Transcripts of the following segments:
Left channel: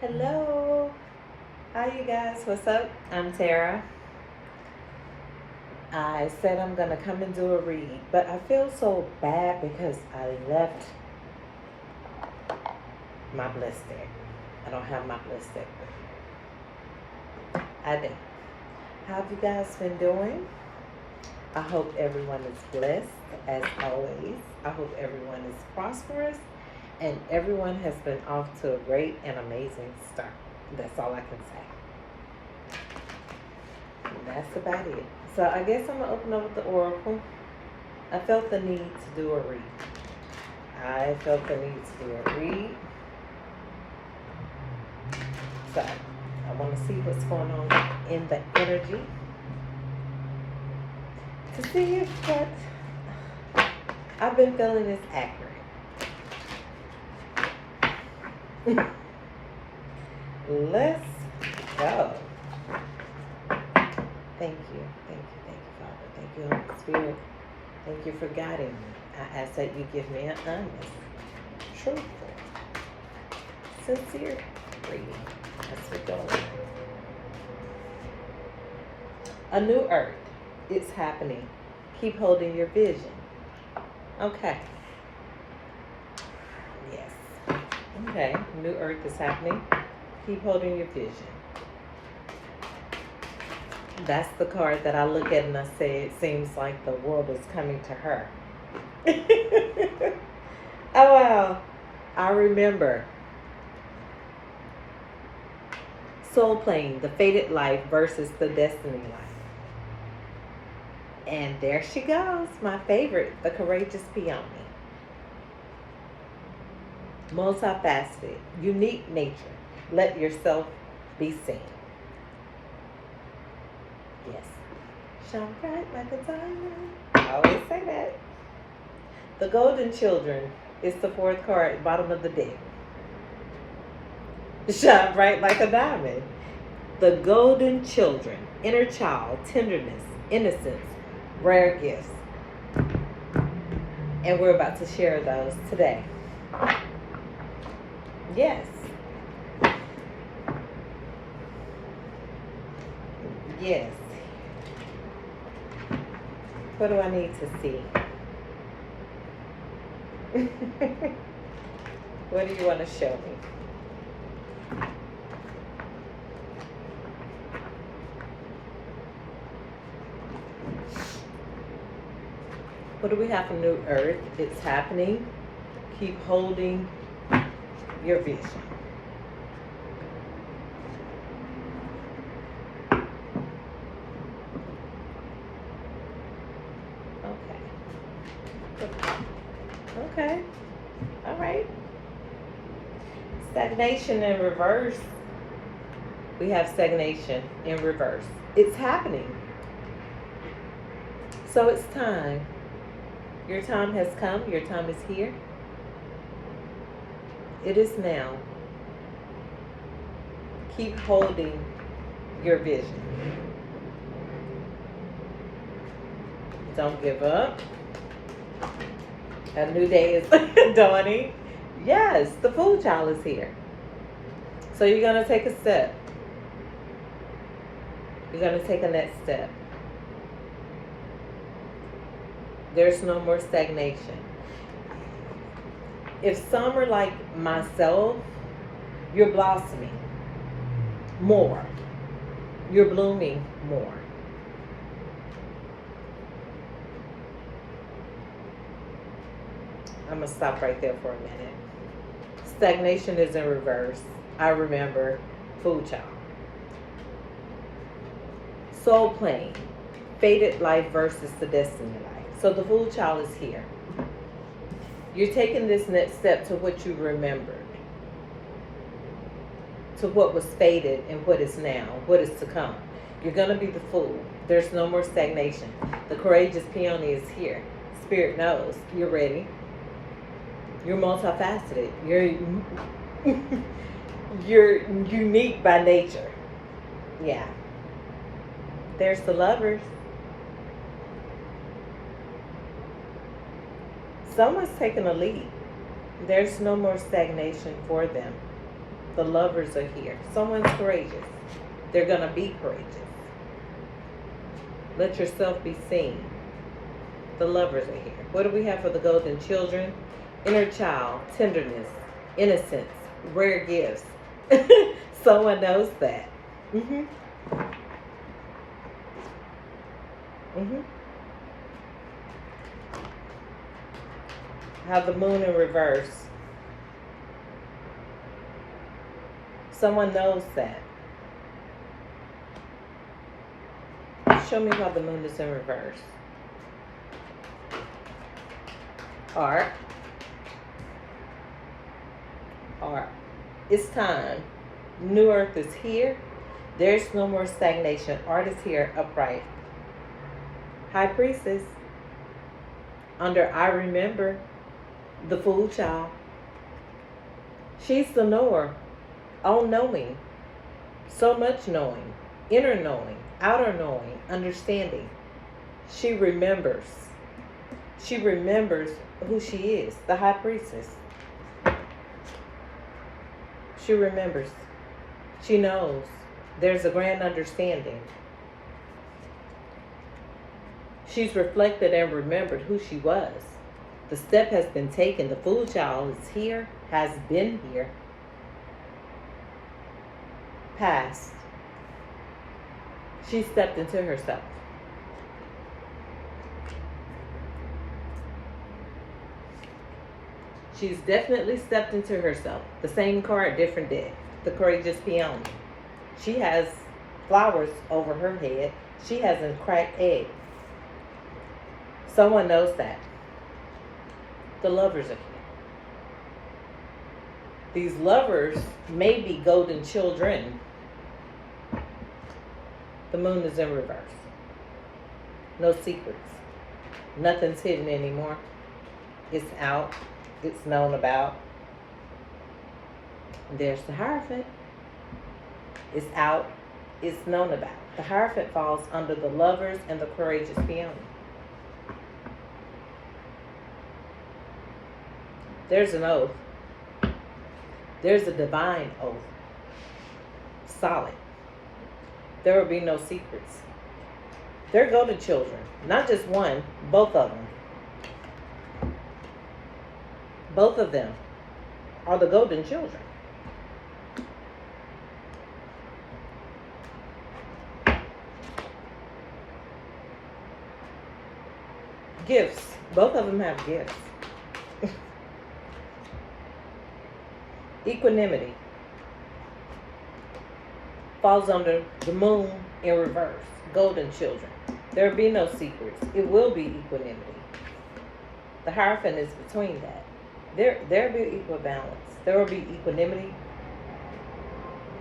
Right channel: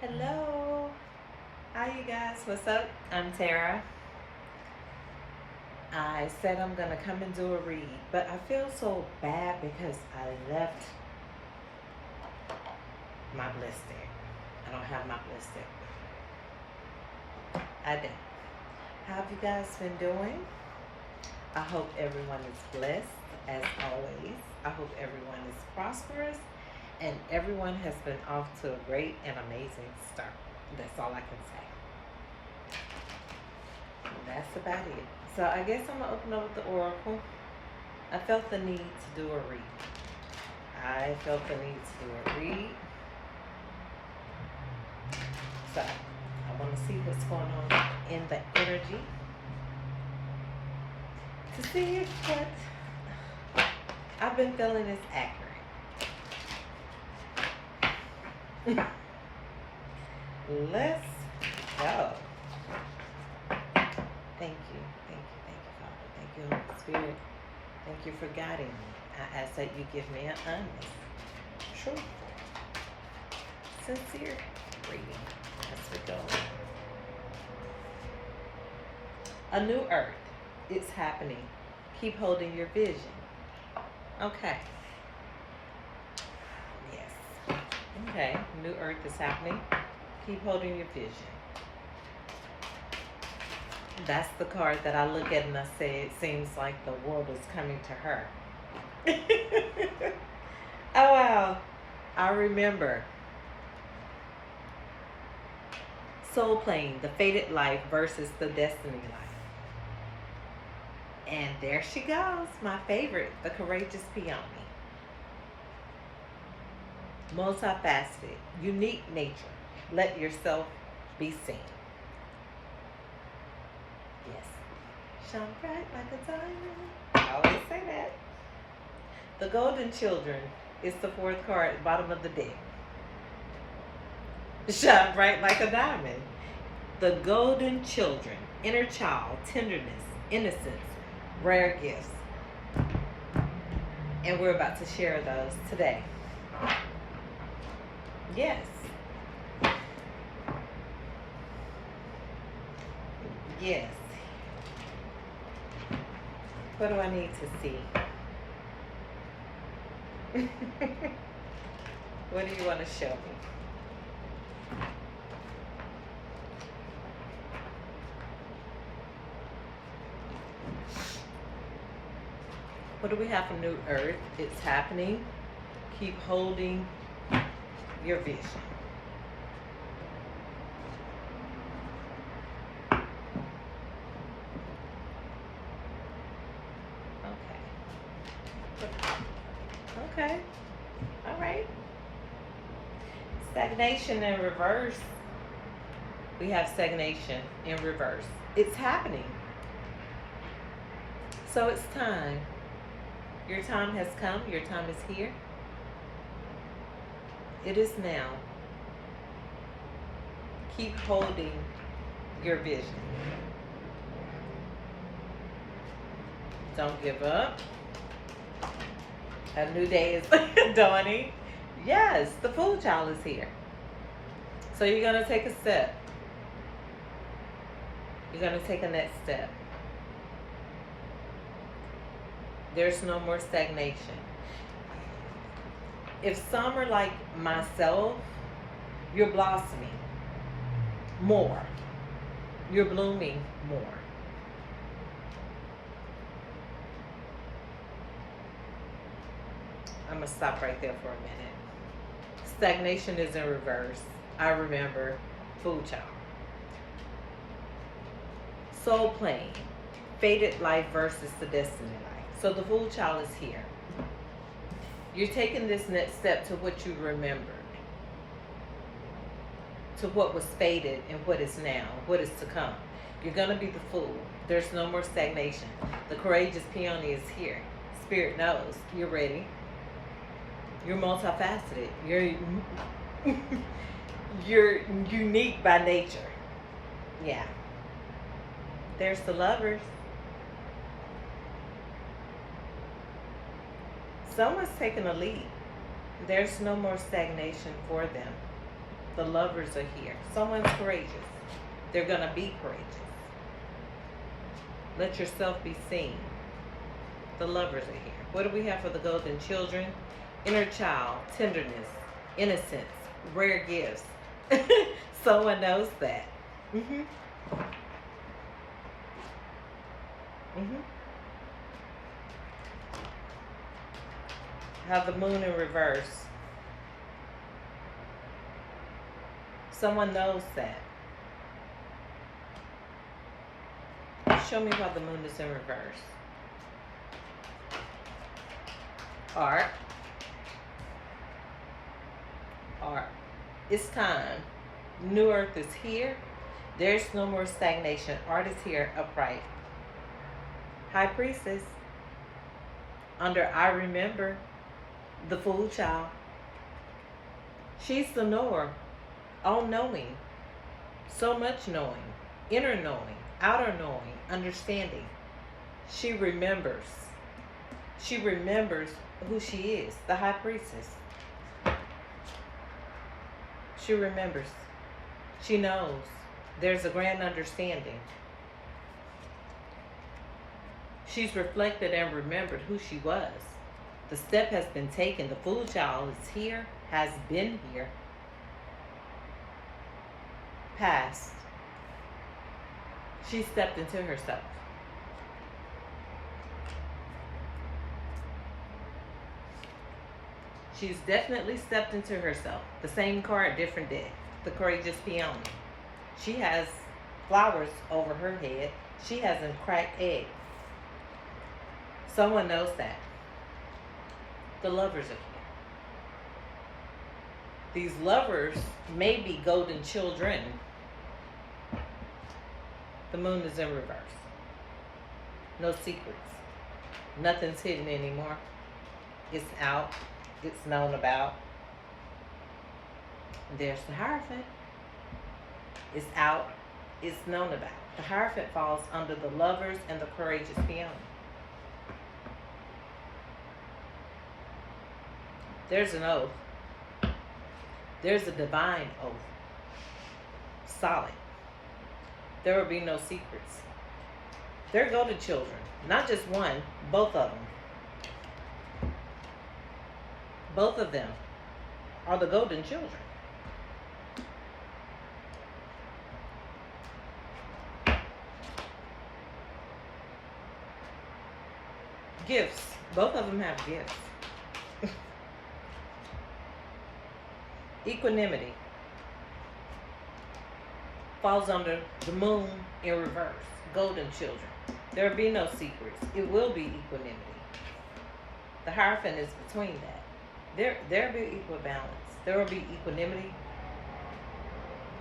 Hello. Hi, you guys. What's up? I'm Tara. I said I'm going to come and do a read, but I feel so bad because I left my bliss deck. I don't have my bliss deck with me. I do. How have you guys been doing? I hope everyone is blessed as always. I hope everyone is prosperous and everyone has been off to a great and amazing start. That's all I can say. That's about it. So I guess I'm gonna open up with the oracle. I felt the need to do a read. I felt the need to do a read. So I want to see what's going on in the energy to see if what I've been feeling is accurate. Let's go. Thank you, Father. Thank you, Holy Spirit. Thank you for guiding me. I ask that you give me an honest, truthful, sincere reading as we go. A new earth is happening. Keep holding your vision. Okay. Yes. Okay. New earth is happening. Keep holding your vision. That's the card that I look at and I say it seems like the world is coming to her. Oh wow. I remember Soul Plane, the fated life versus the destiny life. And there she goes, my favorite, the courageous peony. Multifaceted, unique nature. Let yourself be seen. Yes. Shine bright like a diamond. I always say that. The Golden Children is the fourth card at the bottom of the deck. Shine bright like a diamond. The Golden Children, inner child, tenderness, innocence, rare gifts. And we're about to share those today. Yes. Yes. What do I need to see? What do you want to show me? What do we have for New Earth? It's happening. Keep holding your vision. Okay. All right. Stagnation in reverse. We have stagnation in reverse. It's happening. So it's time. Your time has come. Your time is here. It is now. Keep holding your vision. Don't give up. A new day is dawning. Yes, the Fool Child is here. So you're going to take a step. You're going to take a next step. There's no more stagnation. If some are like myself, you're blossoming more. You're blooming more. I'm going to stop right there for a minute. Stagnation is in reverse. I remember Fool Child. Soul Plane, fated life versus the destiny life. So the Fool Child is here. You're taking this next step to what you remembered, to what was fated and what is now, what is to come. You're going to be the Fool. There's no more stagnation. The courageous peony is here. Spirit knows you're ready. You're multifaceted. You're unique by nature. Yeah. There's the Lovers. Someone's taking a leap. There's no more stagnation for them. The lovers are here. Someone's courageous. They're going to be courageous. Let yourself be seen. The lovers are here. What do we have for the golden children? Inner child, tenderness, innocence, rare gifts. Someone knows that. Mm-hmm. Mm-hmm. Have the moon in reverse. Someone knows that. Show me why the moon is in reverse. Art. Art. It's time. New Earth is here. There's no more stagnation. Art is here, upright. High Priestess. Under I remember. The Fool Child. She's the knower. All knowing. So much knowing. Inner knowing. Outer knowing. Understanding. She remembers. She remembers who she is. The High Priestess. She remembers. She knows. There's a grand understanding. She's reflected and remembered who she was. The step has been taken. The Fool Child is here, has been here. Past. She stepped into herself. She's definitely stepped into herself. The same card, different deck. The Courageous Peony. She has flowers over her head. She has a cracked egg. Someone knows that. The lovers are here. These lovers may be golden children. The moon is in reverse. No secrets. Nothing's hidden anymore. It's out. It's known about. There's the Hierophant. It's out. It's known about. The Hierophant falls under the lovers and the Courageous Peony. There's an oath. There's a divine oath. Solid. There will be no secrets. They're golden children. Not just one, both of them. Both of them are the golden children. Gifts. Both of them have gifts. Equanimity falls under the moon in reverse. Golden children. There will be no secrets. It will be equanimity. The Hierophant is between that. There will be equal balance. There will be equanimity,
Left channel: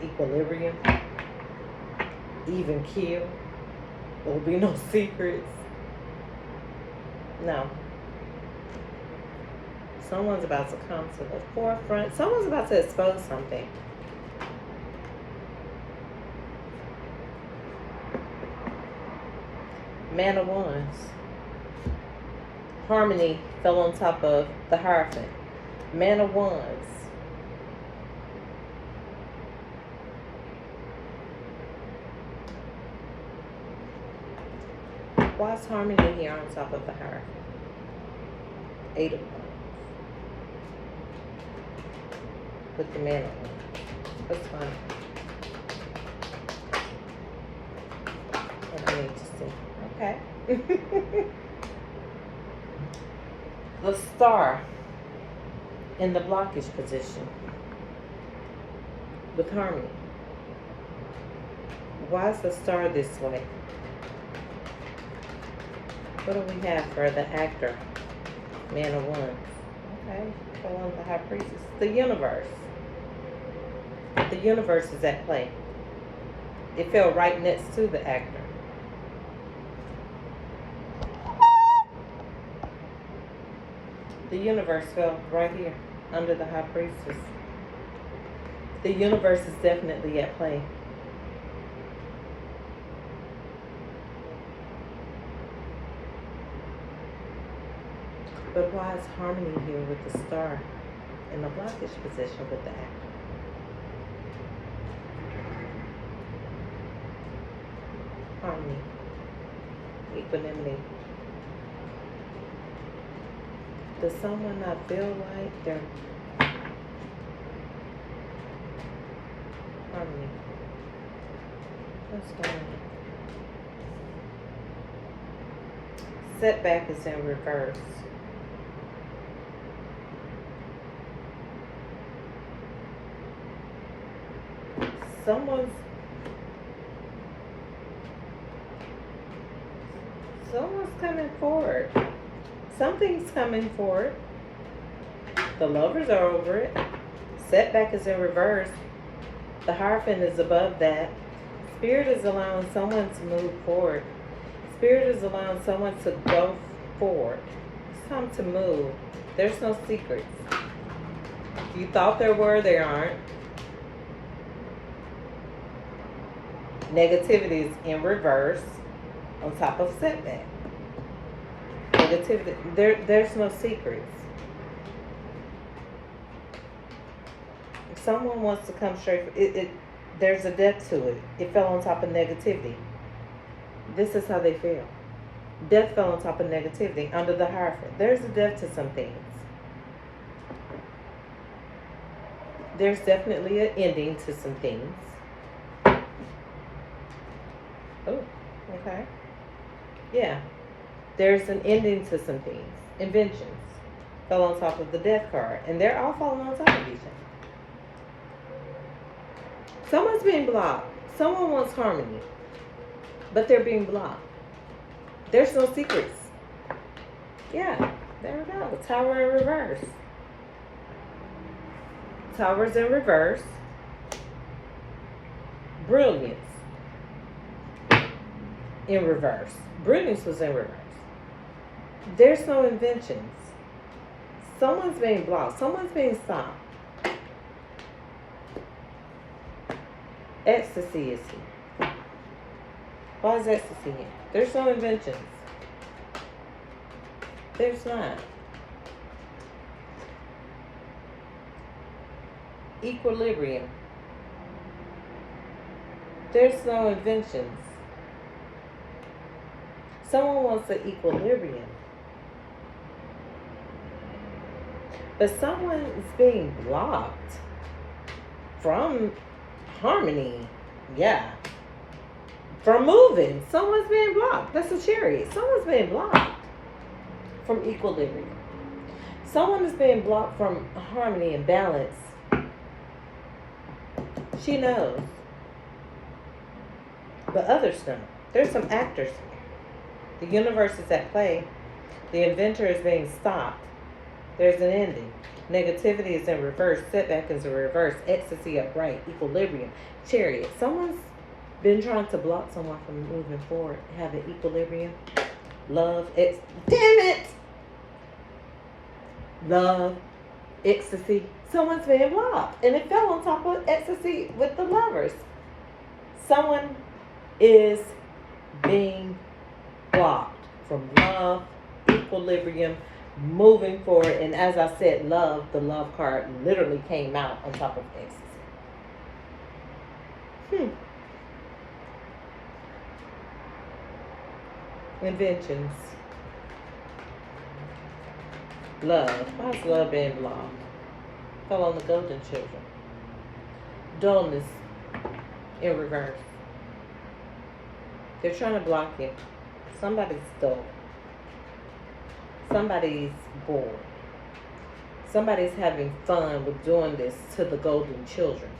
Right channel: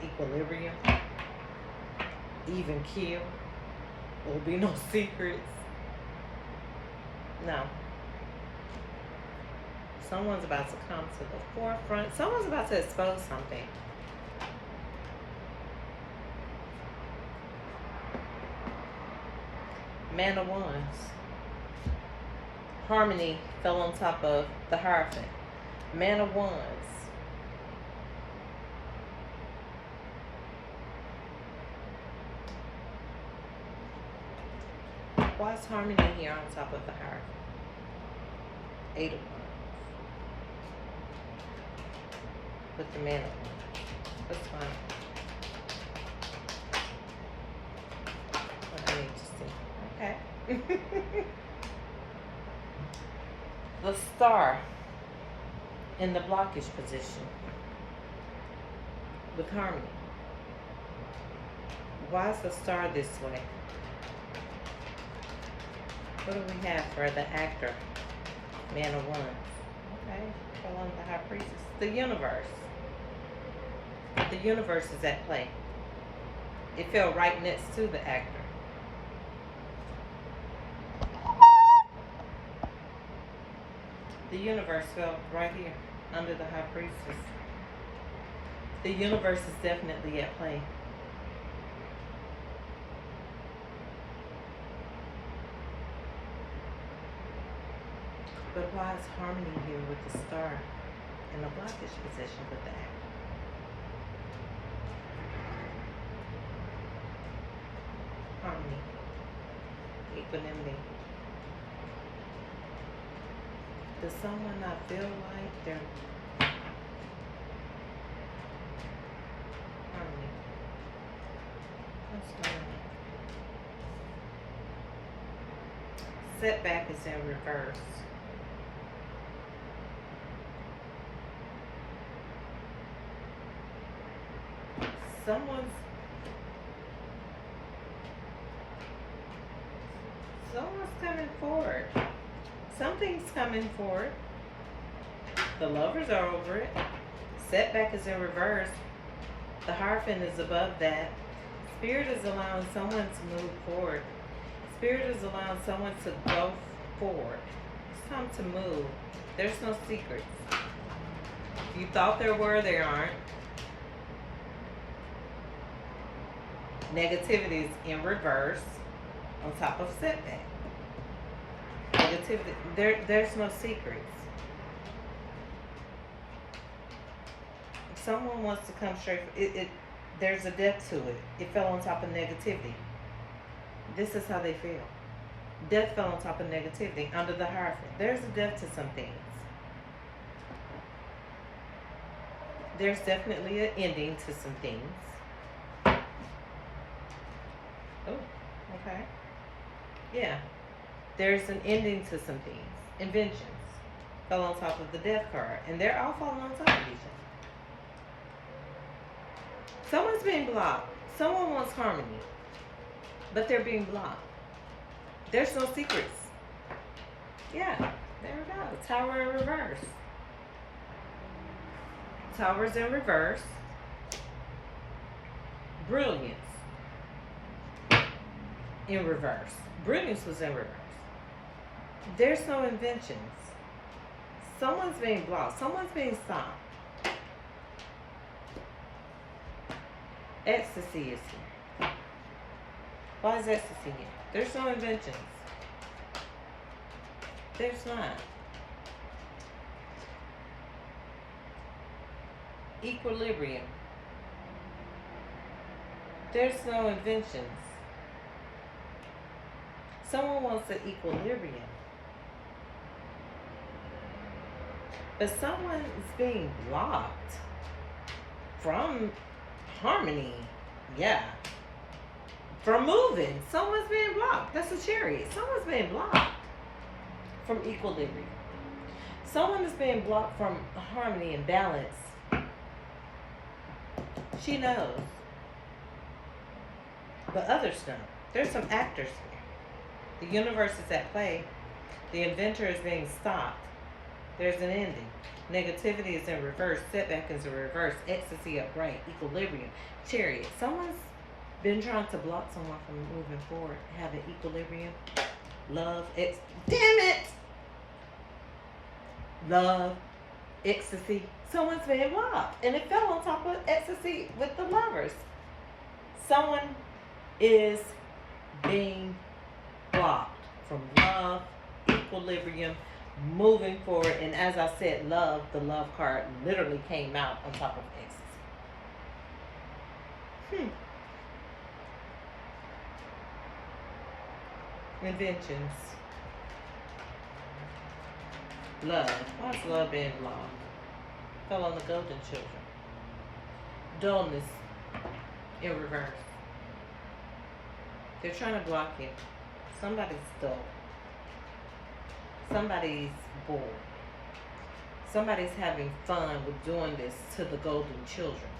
equilibrium, even keel. There will be no secrets. No. Someone's about to come to the forefront. Someone's about to expose something. Man of Wands. Harmony fell on top of the Hierophant. Man of Wands. Why is Harmony here on top of the Hierophant? Eight of Wands. With the Man of Wands. That's fine. What I need to see. Okay. The Star in the blockage position with Harmony. Why is the Star this way? What do we have for the actor? Man of Wands. Okay. Fell on the High Priestess. The universe. The universe is at play. It fell right next to the actor. The universe fell right here under the High Priestess. The universe is definitely at play. But why is Harmony here with the Star in the blockage position with the actor? harmony, equanimity. Does someone not feel like they're harmony? What's going on? Setback is in reverse. Someone's coming forward. Something's coming forward. The lovers are over it. Setback is in reverse. The Hierophant is above that. Spirit is allowing someone to move forward. Spirit is allowing someone to go forward. It's time to move. There's no secrets. You thought there were, there aren't. Negativity is in reverse on top of setback. Negativity, there's no secrets. If someone wants to come straight, there's a depth to it. It fell on top of negativity. This is how they feel. Death fell on top of negativity under the Hierophant. There's a depth to some things. There's definitely an ending to some things. Oh, okay. Yeah. There's an ending to some things. Inventions fell on top of the Death card. And they're all falling on top of each other. Someone's being blocked. Someone wants harmony. But they're being blocked. There's no secrets. Yeah, there we go. Tower in reverse. Tower's in reverse. Brilliance in reverse. Brilliance was in reverse. There's no inventions. Someone's being blocked. Someone's being stopped. Ecstasy is here. Why is ecstasy here? There's no inventions. There's not. Equilibrium. There's no inventions. Someone wants an equilibrium. But someone is being blocked from harmony. Yeah. From moving. Someone's being blocked. That's a Chariot. Someone's being blocked from equilibrium. Someone is being blocked from harmony and balance. She knows. But others don't. There's some actors here. The universe is at play. The inventor is being stopped. There's an ending. Negativity is in reverse. Setback is in reverse. Ecstasy upright. Equilibrium. Chariot. Someone's been trying to block someone from moving forward. Have an equilibrium. Love. Damn it! Love. Ecstasy. Someone's being blocked. And it fell on top of ecstasy with the lovers. Someone is being blocked from love, equilibrium, moving forward. And as I said, love, the love card literally came out on top of ecstasy. Inventions. Love. Why is love being blocked? Fell on the golden children. Dullness in reverse. They're trying to block you. Somebody's dull. Somebody's bored. Somebody's having fun with doing this to the golden children.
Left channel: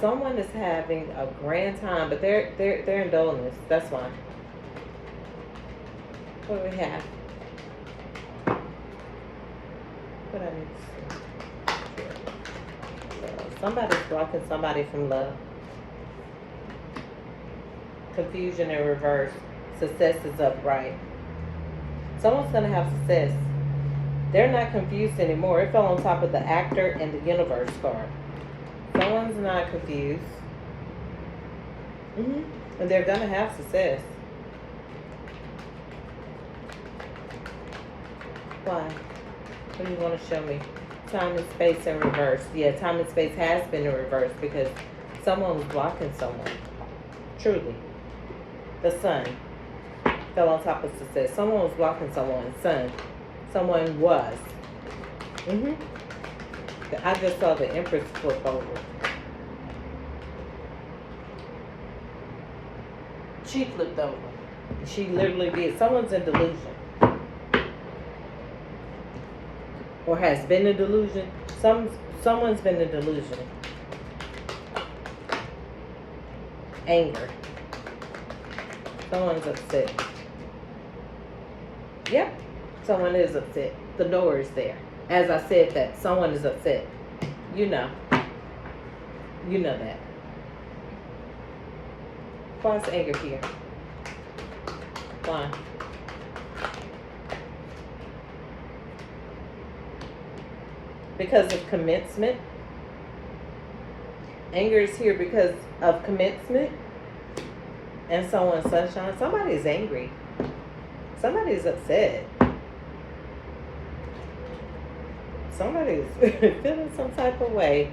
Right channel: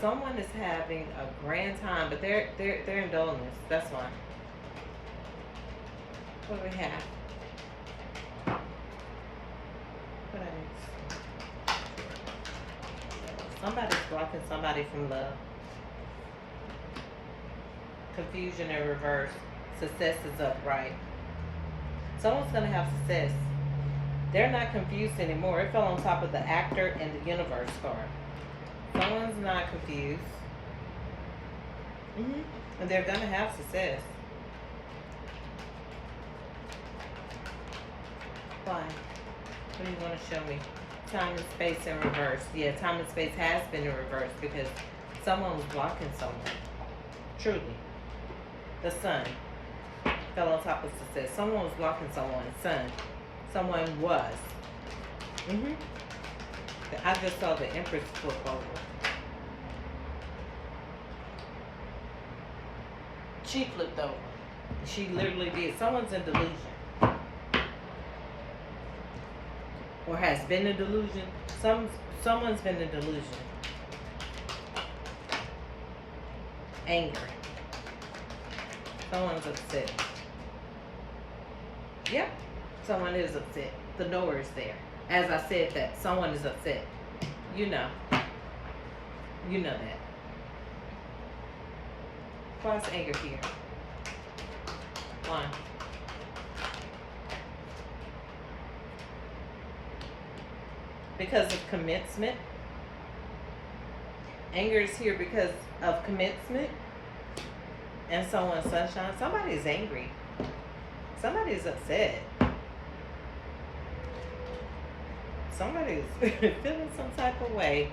Someone is having a grand time, but they're in dullness. That's why. What do we have? What I need to see. So somebody's blocking somebody from love. Confusion in reverse. Success is upright. Someone's going to have success. They're not confused anymore. It fell on top of the actor and the universe card. Someone's not confused. And they're going to have success. Why? What do you want to show me? Time and space in reverse. Yeah, time and space has been in reverse because someone was blocking someone. Truly. The sun fell on top of success. Someone was blocking someone's sun. Someone was. I just saw the Empress flip over. She flipped over. She literally did. Someone's in delusion. Or has been in delusion. Someone's been in delusion. Anger. Someone's upset. Yep. Someone is upset. The knower is there. As I said that, someone is upset. You know. You know that. Why is anger here? Why? Because of commencement. Anger is here because of commencement. And someone's sunshine. Somebody's angry. Somebody's upset. Somebody's feeling some type of way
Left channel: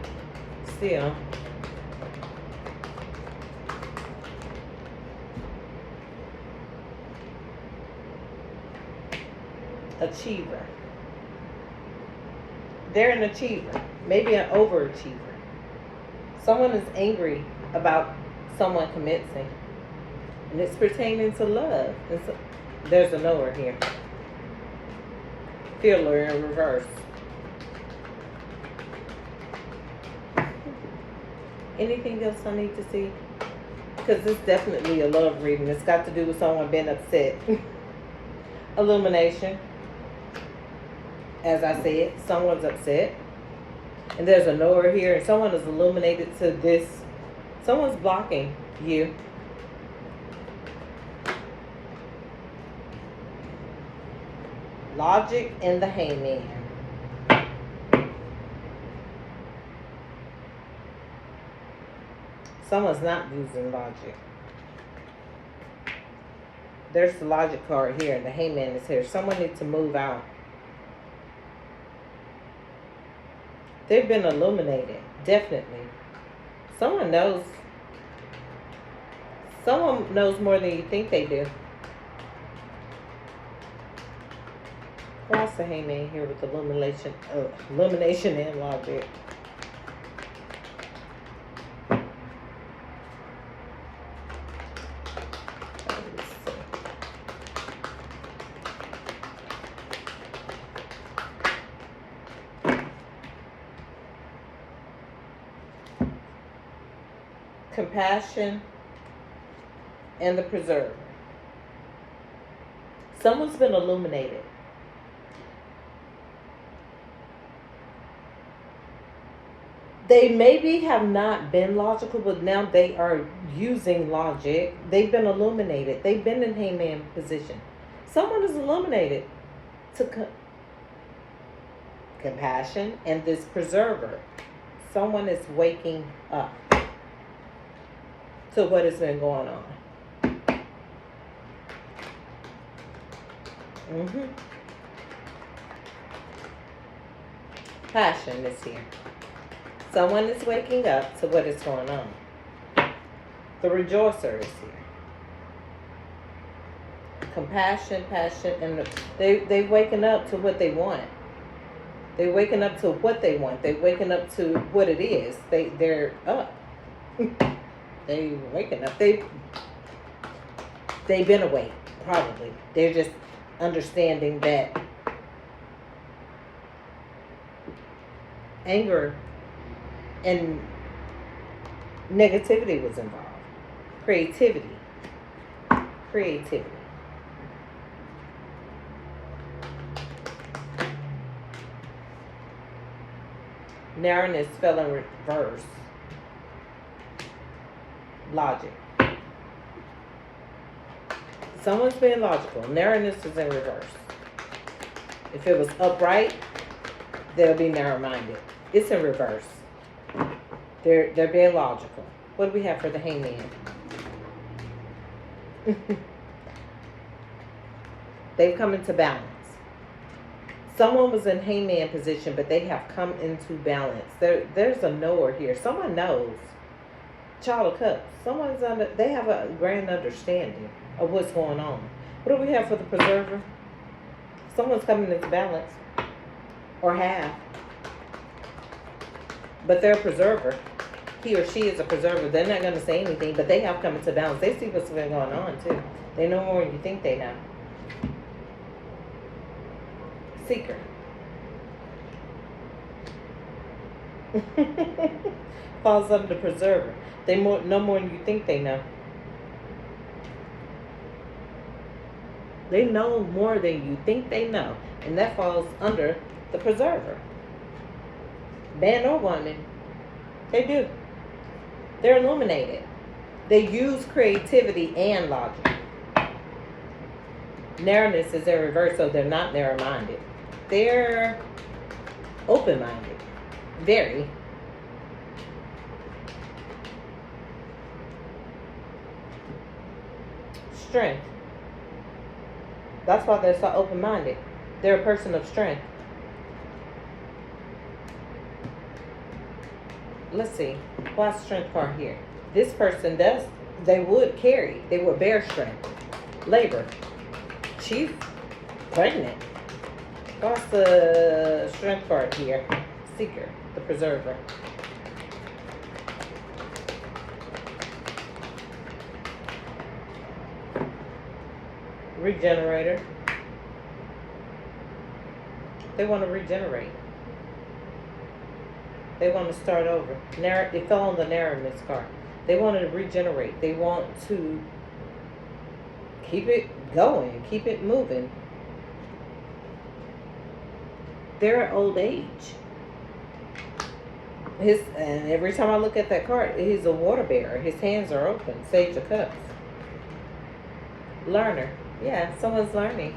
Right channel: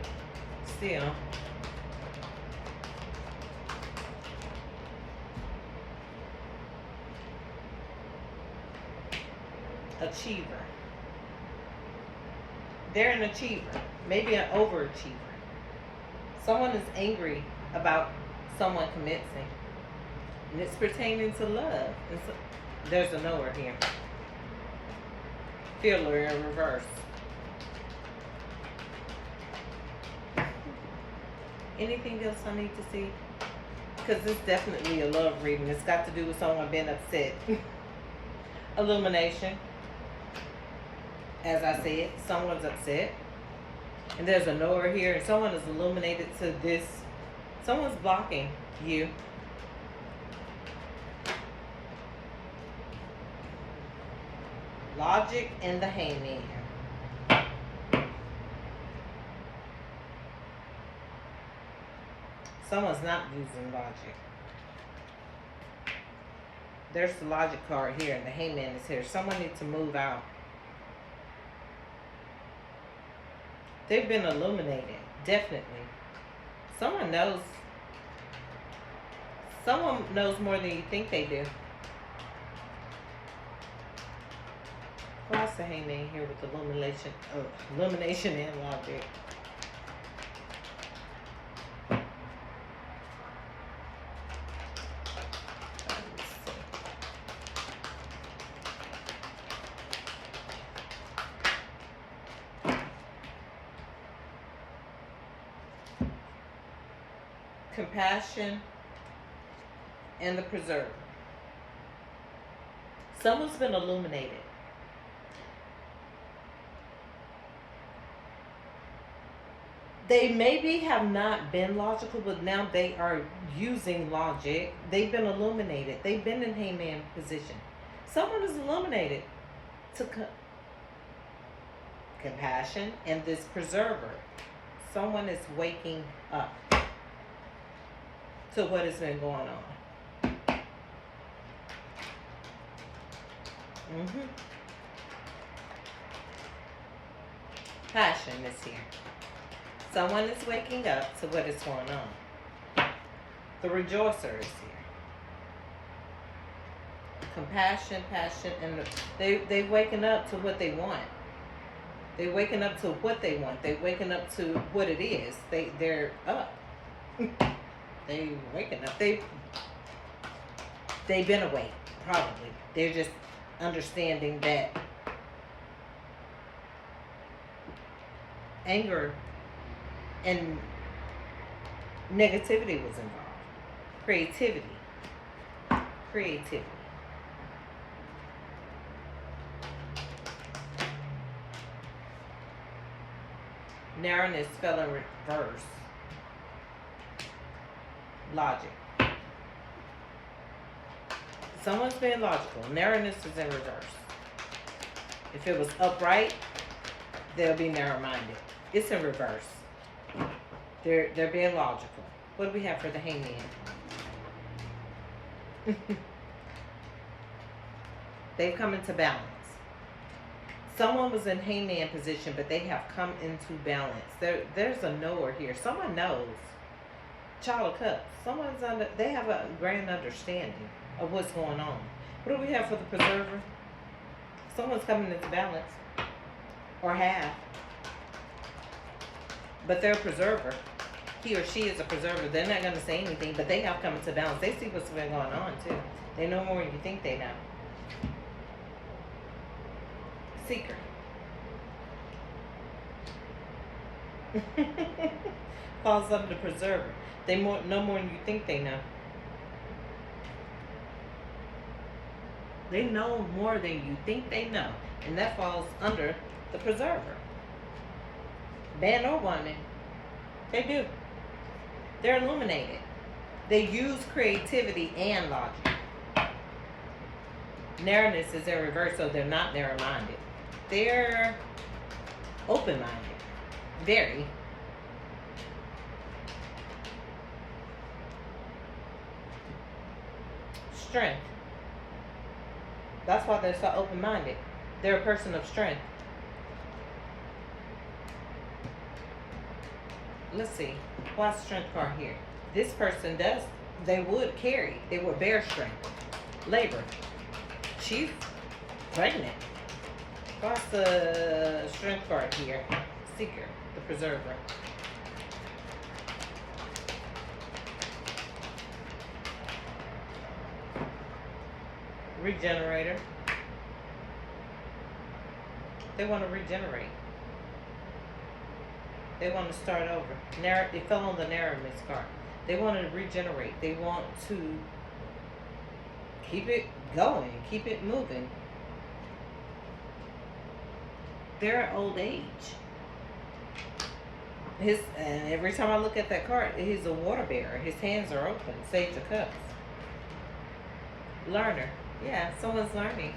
still. Achiever. They're an achiever. Maybe an overachiever. Someone is angry about someone commencing. And it's pertaining to love. And so, there's a knower here. Feeler in reverse. Anything else I need to see? Because it's definitely a love reading. It's got to do with someone being upset. Illumination. As I said, someone's upset. And there's a knower here. And someone is illuminated to this. Someone's blocking you. Logic and the Hangman. Someone's not using logic. There's the logic card here and the Hangman is here. Someone needs to move out. They've been illuminated. Definitely. Someone knows. Someone knows more than you think they do. What's the Hangman here with illumination and logic? Compassion and the preserver. Someone's been illuminated. They maybe have not been logical, but now they are using logic. They've been illuminated. They've been in Hangman position. Someone is illuminated to compassion and this preserver. Someone is waking up to what has been going on. Passion is here. Someone is waking up to what is going on. The rejoicer is here. Compassion, passion, and they waking up to what they want. They waking up to what they want. They waking up to what it is. They're up. They waking up. They've been awake, probably. They're just understanding that anger and negativity was involved. Creativity. Narrowness fell in reverse. Logic. Someone's being logical. Narrowness is in reverse. If it was upright, they'll be narrow-minded. It's in reverse. They're being logical. What do we have for the Hangman? They've come into balance. Someone was in Hangman position, but they have come into balance. There's a knower here. Someone knows. Child of Cups. Someone's under. They have a grand understanding of what's going on. What do we have for the preserver? Someone's coming into balance, or have, but they're a preserver. He or she is a preserver. They're not going to say anything, but they have come into balance. They see what's been going on too. They know more than you think they know. Seeker. Falls under the preserver. They know more than you think they know. They know more than you think they know. And that falls under the preserver. Man or woman. They do. They're illuminated. They use creativity and logic. Narrowness is in reverse, so they're not narrow-minded. They're open-minded. Very. Strength. That's why they're so open-minded. They're a person of strength. Let's see. Why strength part here? This person does. They would carry. They would bear strength. Labor. She's pregnant. What's the strength part here? Seeker. The preserver. Regenerator. They want to regenerate. They want to start over. They fell on the narrowness card. They want to regenerate. They want to keep it going, keep it moving. They're at old age. And every time I look at that card, he's a water bearer. His hands are open. Sage of Cups. Learner. Yeah, someone's learning.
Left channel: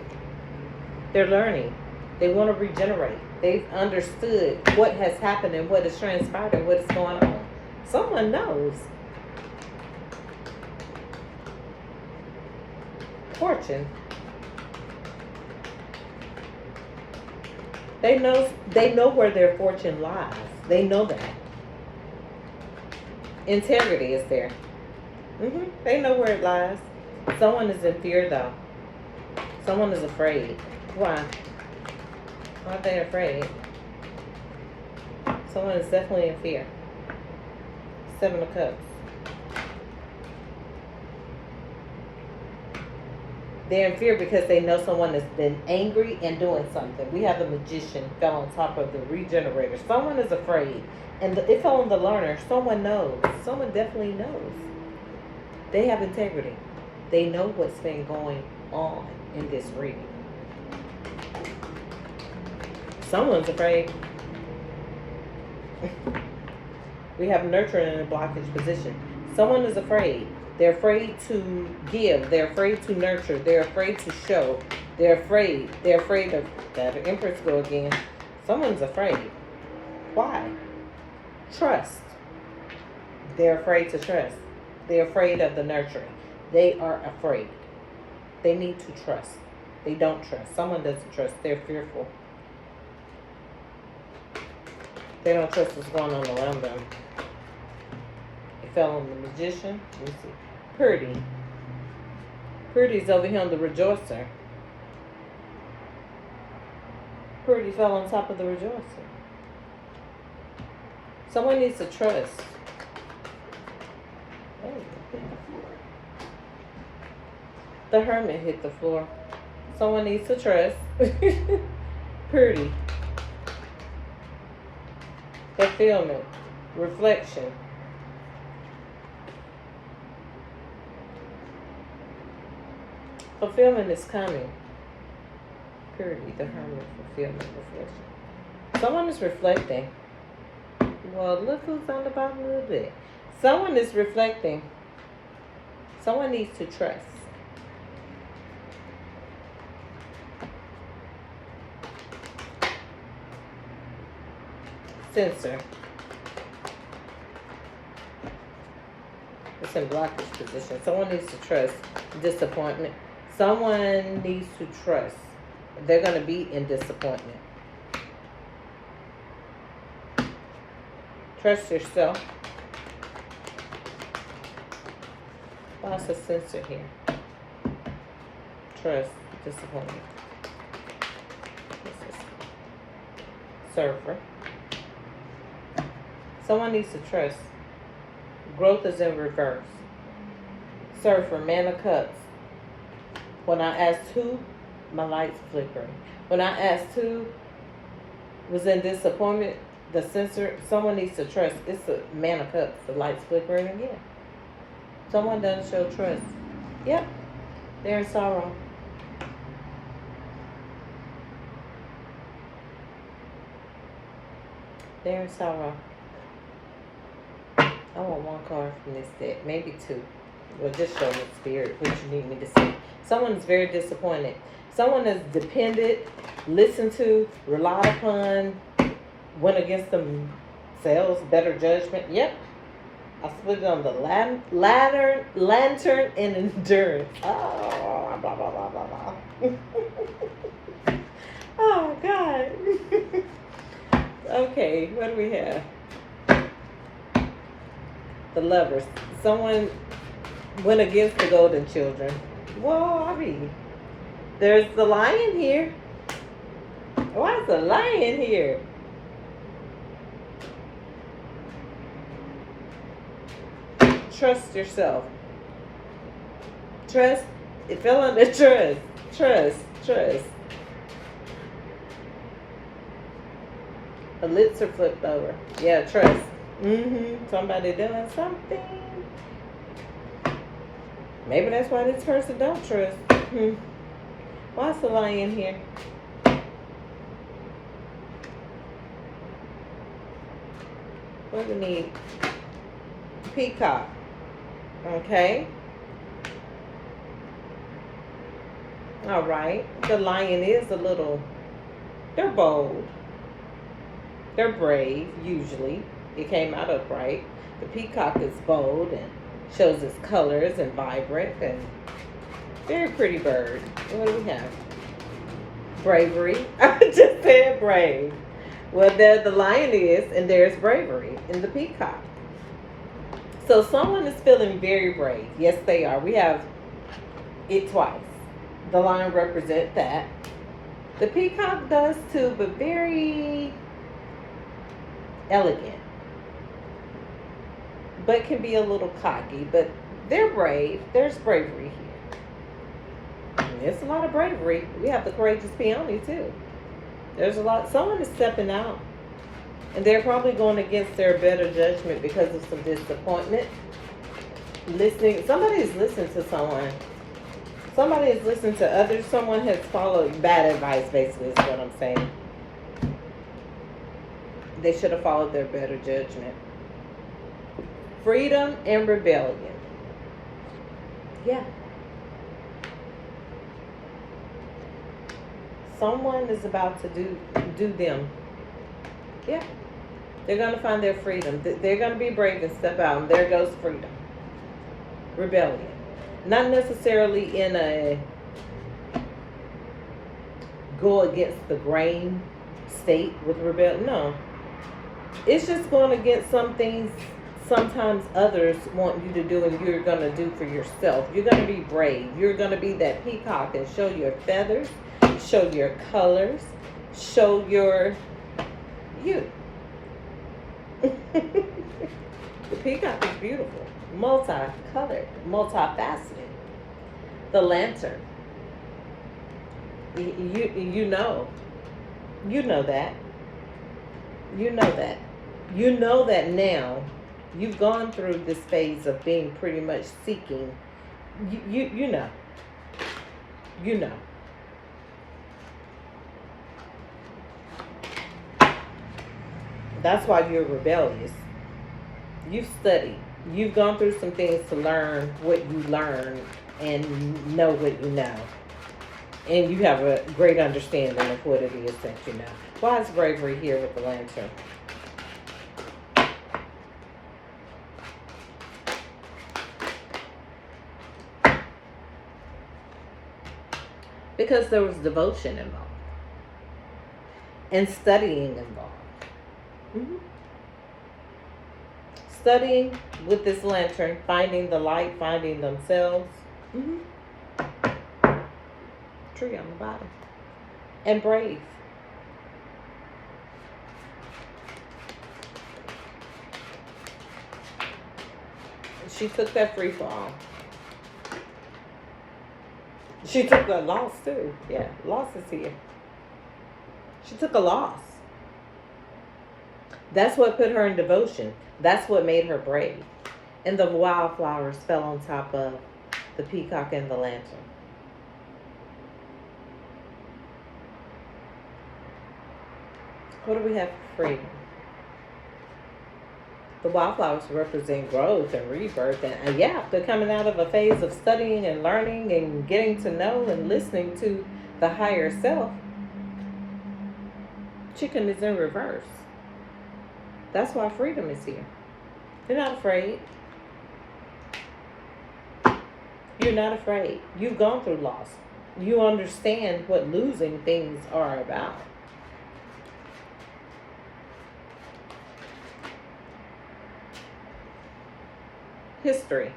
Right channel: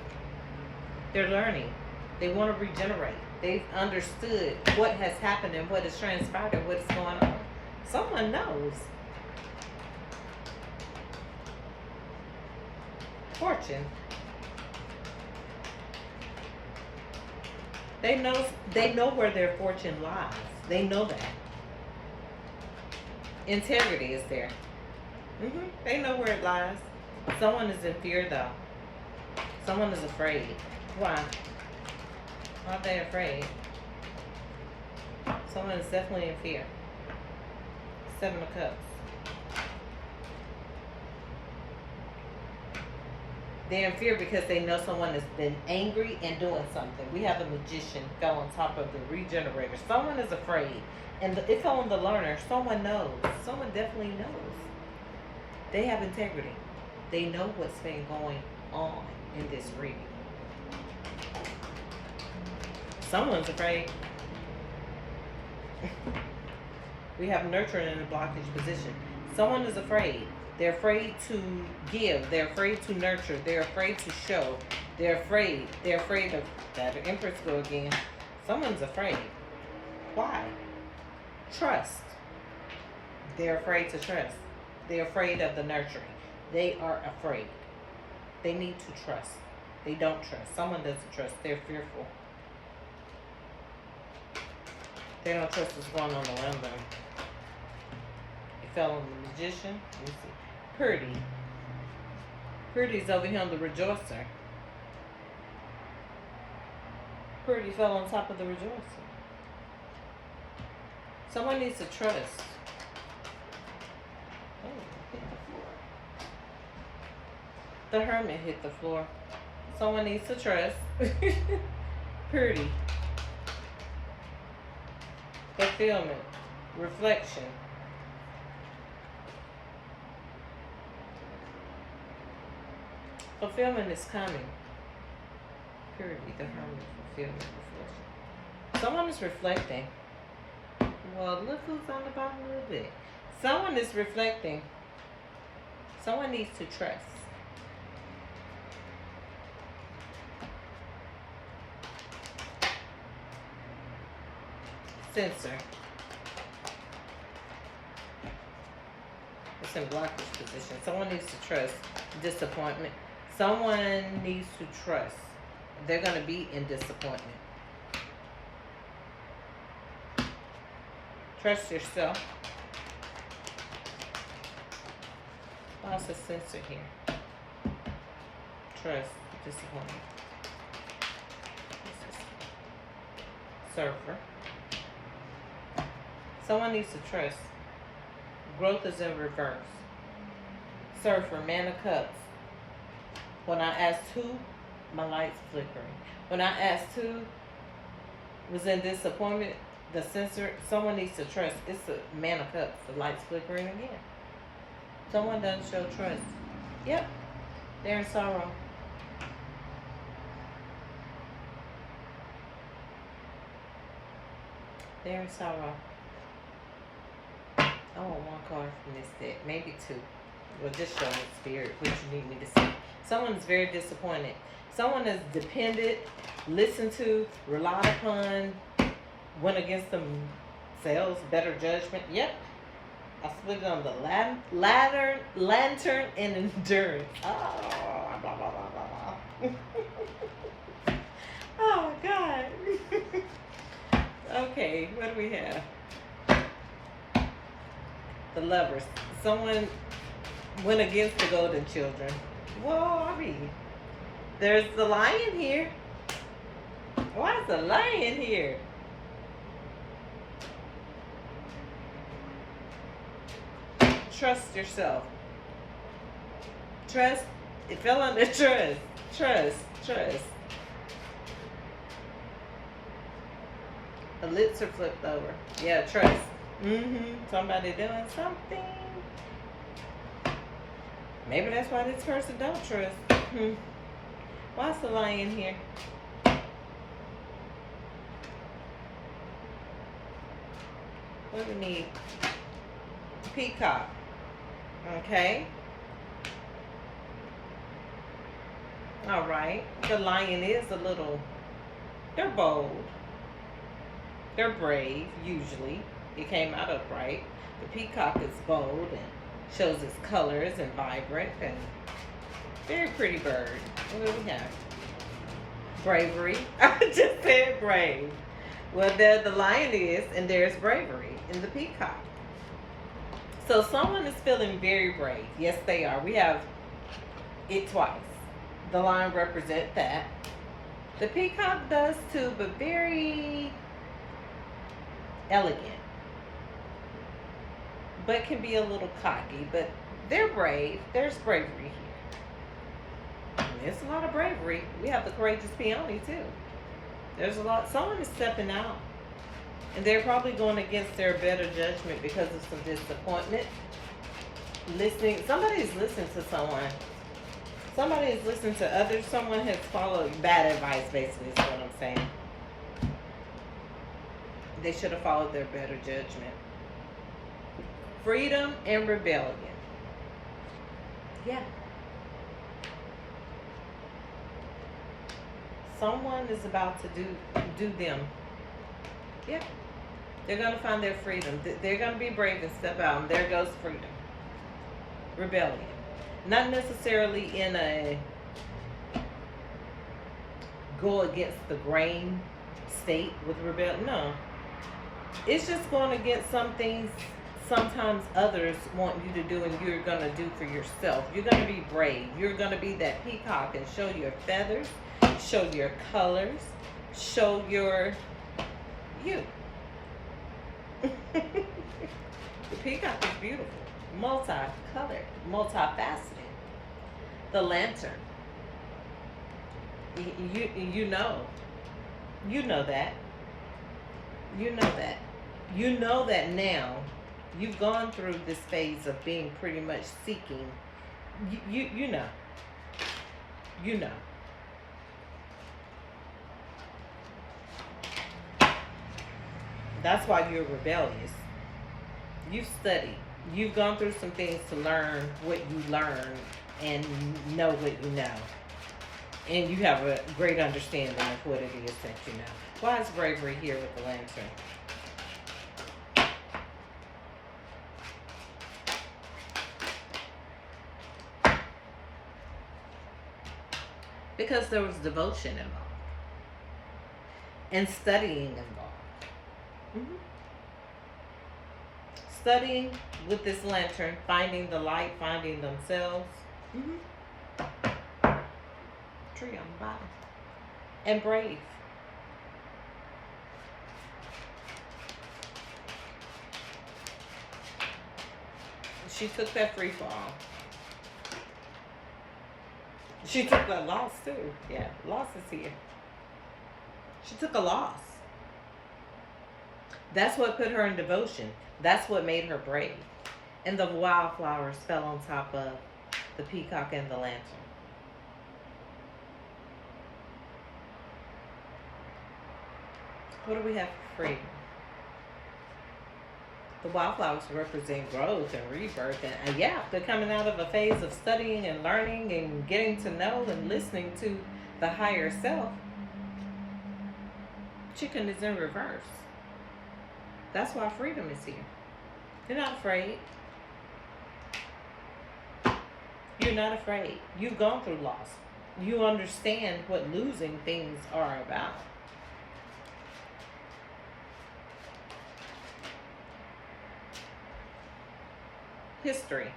They're learning. They want to regenerate. They've understood what has happened and what has transpired and what is going on. Someone knows. Fortune. They know where their fortune lies. They know that. Integrity is there. They know where it lies. Someone is in fear though. Someone is afraid. Why? Aren't they afraid? Someone is definitely in fear. Seven of Cups. They're in fear because they know someone has been angry and doing something. We have the Magician fell on top of the Regenerator. Someone is afraid. And it fell on the Learner. Someone knows. Someone definitely knows. They have integrity. They know what's been going on in this reading. Someone's afraid. We have nurturing in a blockage position. Someone is afraid. They're afraid to give. They're afraid to nurture. They're afraid to show. They're afraid. They're afraid of that. The Empress go again. Someone's afraid. Why? Trust. They're afraid to trust. They're afraid of the nurturing. They are afraid. They need to trust. They don't trust. Someone doesn't trust. They're fearful. They don't trust what's going on around them. It fell on the Magician. Let me see. Purdy. Purdy's over here on the Rejoicer. Purdy fell on top of the Rejoicer. Someone needs to trust. Oh, hit the floor. The Hermit hit the floor. Someone needs to trust. Purdy. Fulfillment. Reflection. Fulfillment is coming. Purity, the Hermit, fulfillment, reflection. Someone is reflecting. Well, look who's on the bottom of the bed. Someone is reflecting. Someone needs to trust. Censor. It's in blockage position. Someone needs to trust. Disappointment. Someone needs to trust. They're going to be in disappointment. Trust yourself. What's the censor here? Trust, disappointment. This is surfer. Someone needs to trust. Growth is in reverse. Surfer, man of cups. When I asked who, my light's flickering. When I asked who was in disappointment, the censor, someone needs to trust. It's a man of cups. The light's flickering again. Someone doesn't show trust. Yep, they're in sorrow. They're in sorrow. I want one card from this deck, maybe two. Well, just show me spirit what you need me to see. Someone's very disappointed. Someone is dependent, listened to, relied upon, went against themselves, better judgment. Yep. I split it on the lantern and endurance. Oh, blah, blah, blah, blah, blah. Oh, God. Okay, what do we have? The lovers. Someone went against the golden children. Whoa, I mean, there's the lion here. Why is the lion here? Trust yourself. Trust. It fell under trust. Trust. The lips are flipped over. Yeah, trust. Somebody doing something. Maybe that's why this person don't trust. Why's the lion here? What do we need? Peacock. Okay. All right. The lion is a little, they're bold. They're brave, usually. It came out upright. The peacock is bold and shows its colors and vibrant and very pretty bird. What do we have? Bravery. I just said brave. Well, there the lion is, and there's bravery in the peacock. So someone is feeling very brave. Yes, they are. We have it twice. The lion represents that. The peacock does too, but very elegant. But can be a little cocky. But they're brave. There's bravery here. There's a lot of bravery. We have the courageous peony too. There's a lot. Someone is stepping out. And they're probably going against their better judgment because of some disappointment. Listening. Somebody is listening to someone. Somebody is listening to others. Someone has followed bad advice, basically, is what I'm saying. They should have followed their better judgment. Freedom and rebellion. Yeah. Someone is about to do them. Yeah. They're going to find their freedom. They're going to be brave and step out. And there goes freedom. Rebellion. Not necessarily in a go against the grain state with rebellion. No. It's just going against some things sometimes others want you to do and you're going to do for yourself. You're going to be brave. You're going to be that peacock and show your feathers, show your colors, show your you. The peacock is beautiful, multicolored, multifaceted. The lantern. You know that. You know that. You know that now. You've gone through this phase of being pretty much seeking. You know. You know. That's why you're rebellious. You've studied. You've gone through some things to learn what you learn and know what you know. And you have a great understanding of what it is that you know. Why is bravery here with the lantern? Because there was devotion involved. And studying involved. Mm-hmm. Studying with this lantern, finding the light, finding themselves. Mm-hmm. Tree on the bottom. And brave. She took that free fall. She took a loss too. Yeah, loss is here. She took a loss. That's what put her in devotion. That's what made her brave. And the wildflowers fell on top of the peacock and the lantern. What do we have for freedom? The wildflowers represent growth and rebirth. And yeah, they're coming out of a phase of studying and learning and getting to know and listening to the higher self. Chicken is in reverse. That's why freedom is here. You're not afraid. You're not afraid. You've gone through loss. You understand what losing things are about. History.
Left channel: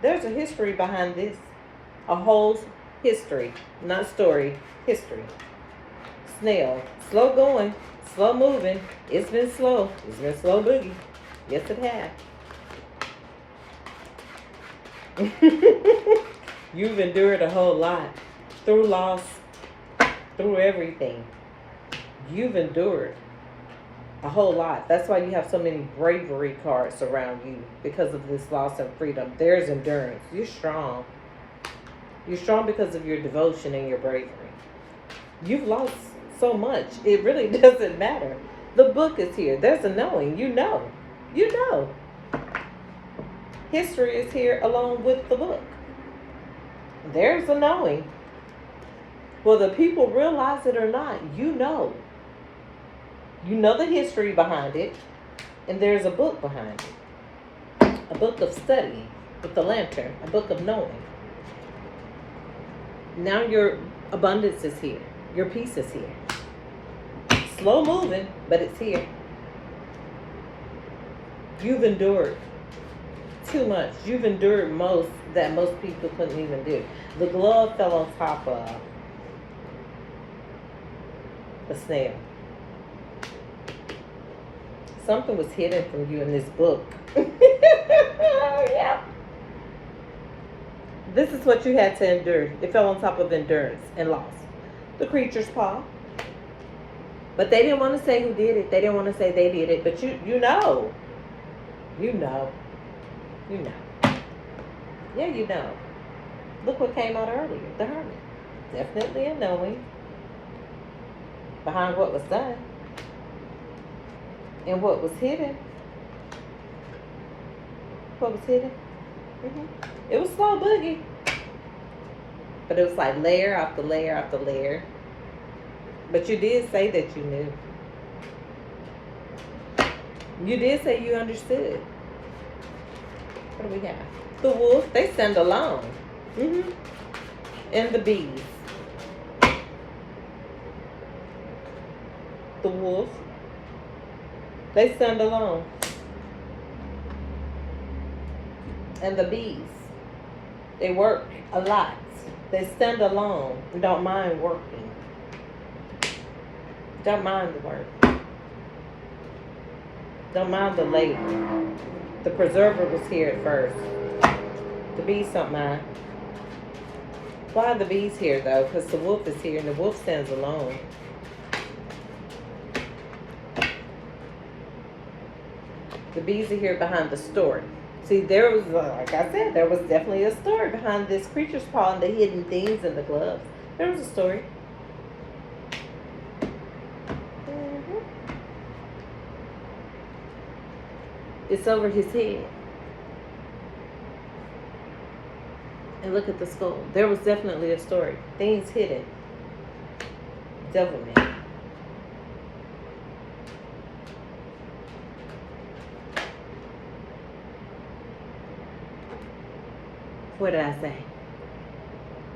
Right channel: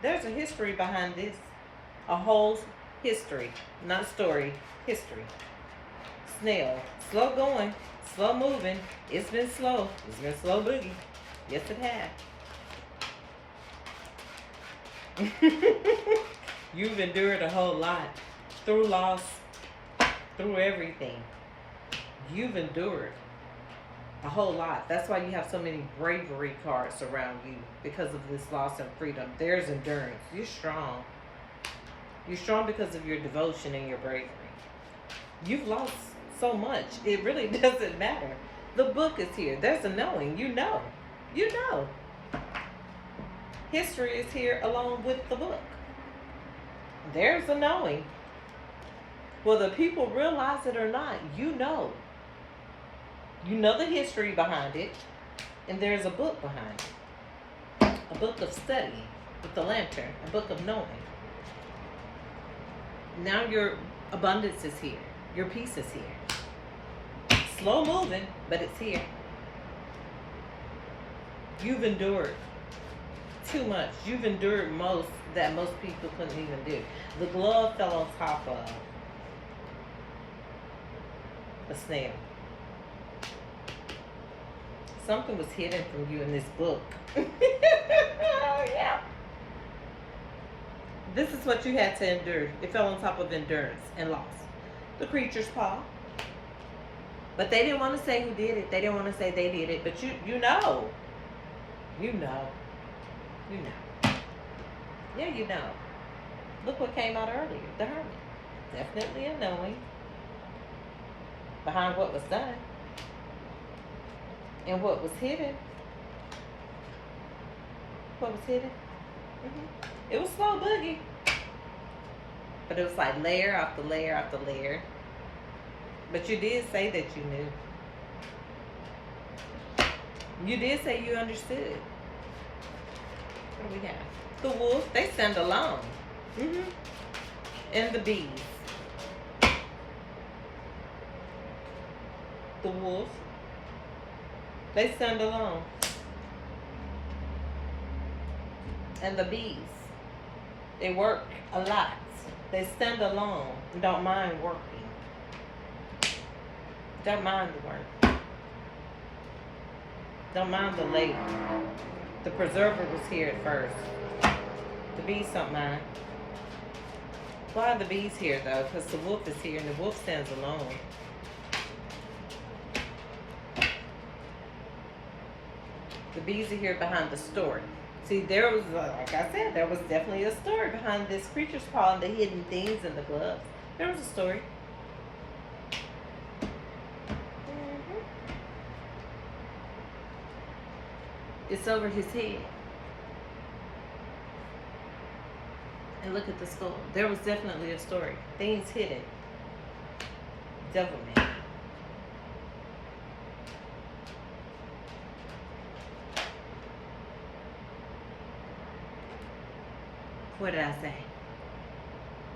There's a history behind this. A whole history. Not story. History. Snail. Slow going. Slow moving. It's been slow. It's been slow boogie. Yes, it has. You've endured a whole lot. Through loss. Through everything. You've endured a whole lot. That's why you have so many bravery cards around you, because of this loss and freedom. There's endurance. You're strong. You're strong because of your devotion and your bravery. You've lost so much. It really doesn't matter. The book is here. There's a knowing. You know. You know. History is here along with the book. There's a knowing. Whether people realize it or not, you know. You know the history behind it, and there's a book behind it. A book of study with the lantern, a book of knowing. Now your abundance is here. Your peace is here. Slow moving, but it's here. You've endured too much. You've endured most that most people couldn't even do. The glove fell on top of a snail. Something was hidden from you in this book. Yeah. This is what you had to endure. It fell on top of endurance and loss. The creature's paw. But they didn't want to say who did it. They didn't want to say they did it. But you know. You know. You know. Yeah, you know. Look what came out earlier. The Hermit. Definitely a knowing behind what was done. And what was hidden. What was hidden? It was slow boogie. But it was like layer after layer after layer. But you did say that you knew. You did say you understood. What do we have? The wolf, they stand alone. And the bees. The wolf, they stand alone. And the bees, they work a lot. They stand alone and don't mind working. Don't mind the work. Don't mind the labor. The preserver was here at first. The bees don't mind. Why are the bees here though? Because the wolf is here and the wolf stands alone. The bees are here behind the story. See, there was, like I said, there was definitely a story behind this creature's paw and the hidden things in the gloves. There was a story. It's over his head. And look at the skull. There was definitely a story. Things hidden. Devilment. What did I say?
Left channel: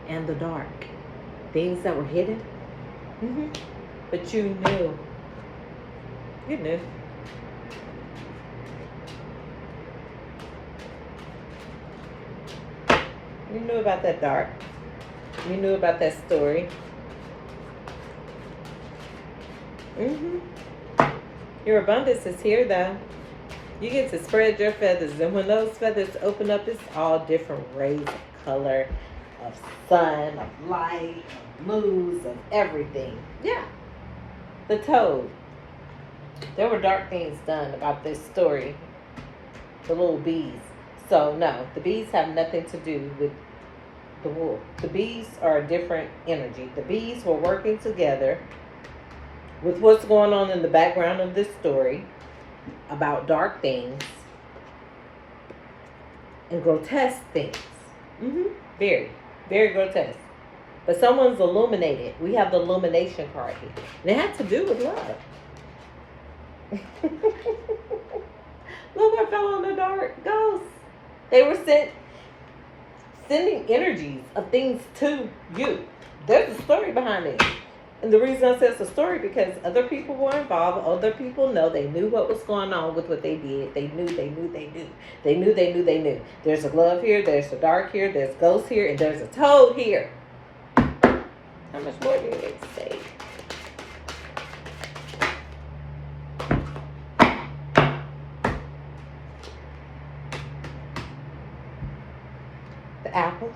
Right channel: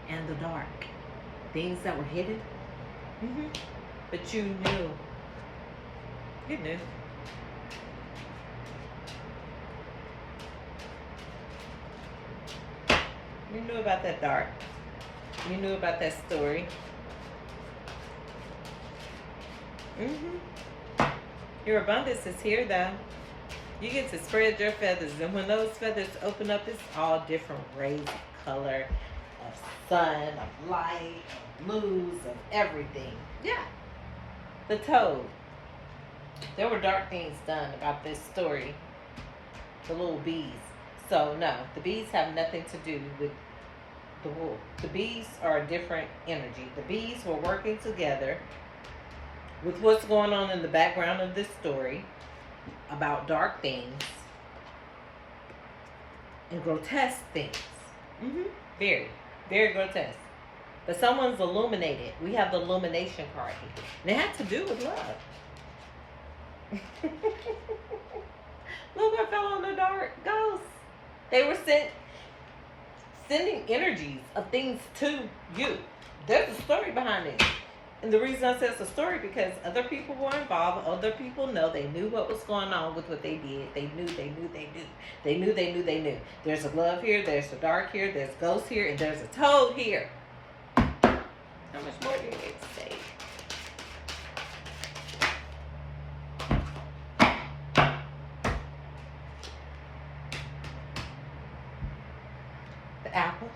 And the dark. Things that were hidden. But you knew. You knew. You knew about that dark. You knew about that story. Your abundance is here, though. You get to spread your feathers, and when those feathers open up, it's all different rays of color, of sun, of light, of blues, of everything. Yeah. The toad. There were dark things done about this story. The little bees. So, no, the bees have nothing to do with the wolf. The bees are a different energy. The bees were working together with what's going on in the background of this story about dark things and grotesque things. Very, very grotesque. But someone's illuminated. We have the illumination card here. And it had to do with love. Look what fell on the dark. Ghosts. They were sending energies of things to you. There's a story behind it. And the reason I say it's a story because other people were involved. Other people know. They knew what was going on with what they did. They knew. There's a glove here. There's a dark here. There's ghosts here. And there's a toad here. How much more do you need to say? The apple.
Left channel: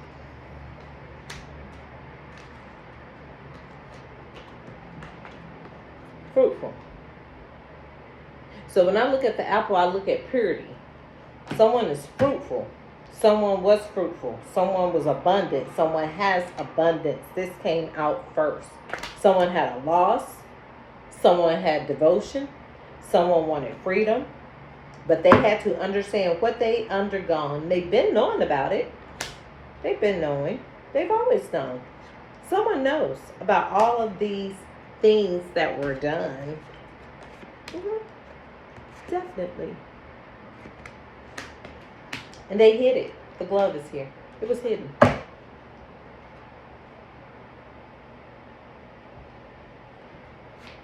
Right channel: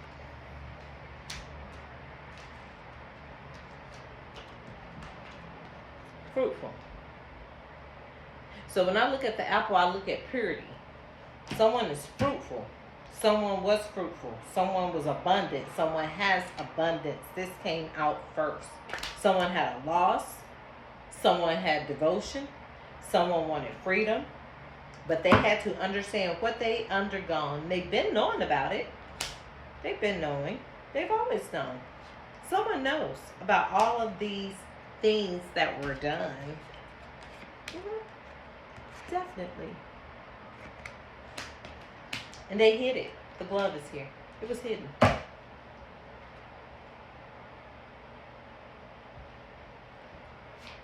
Fruitful. So when I look at the apple, I look at purity. Someone is fruitful. Someone was fruitful. Someone was abundant. Someone has abundance. This came out first. Someone had a loss. Someone had devotion. Someone wanted freedom. But they had to understand what they undergone. They've been knowing about it. They've been knowing. They've always known. Someone knows about all of these things that were done. Definitely. And they hid it. The glove is here. It was hidden.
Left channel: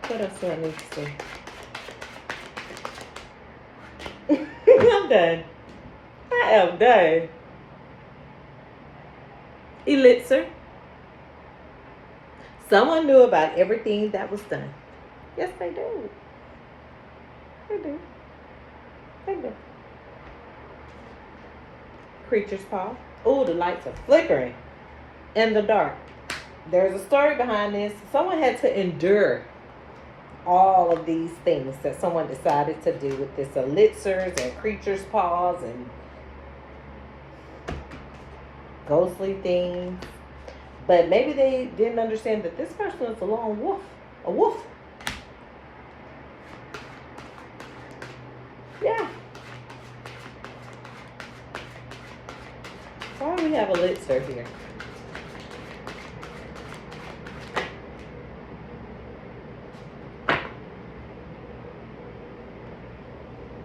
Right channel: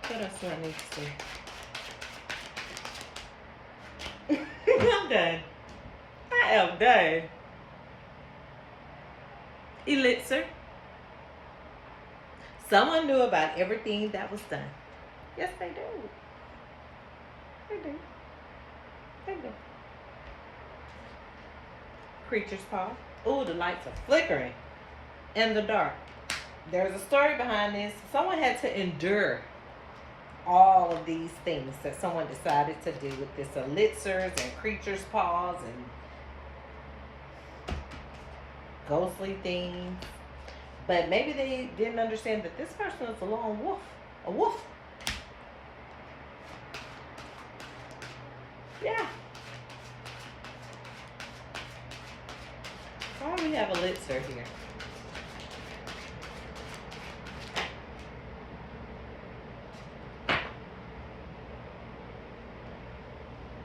What else do I need to say? I'm done. I am done. Elixir. Someone knew about everything that was done. Yes, they do. They do. They do. Creature's paw. Oh, the lights are flickering in the dark. There's a story behind this. Someone had to endure all of these things that someone decided to do with this elixirs and creature's paws and ghostly things. But maybe they didn't understand that this person is a lone wolf. A wolf. Yeah. Why do we have elixir here?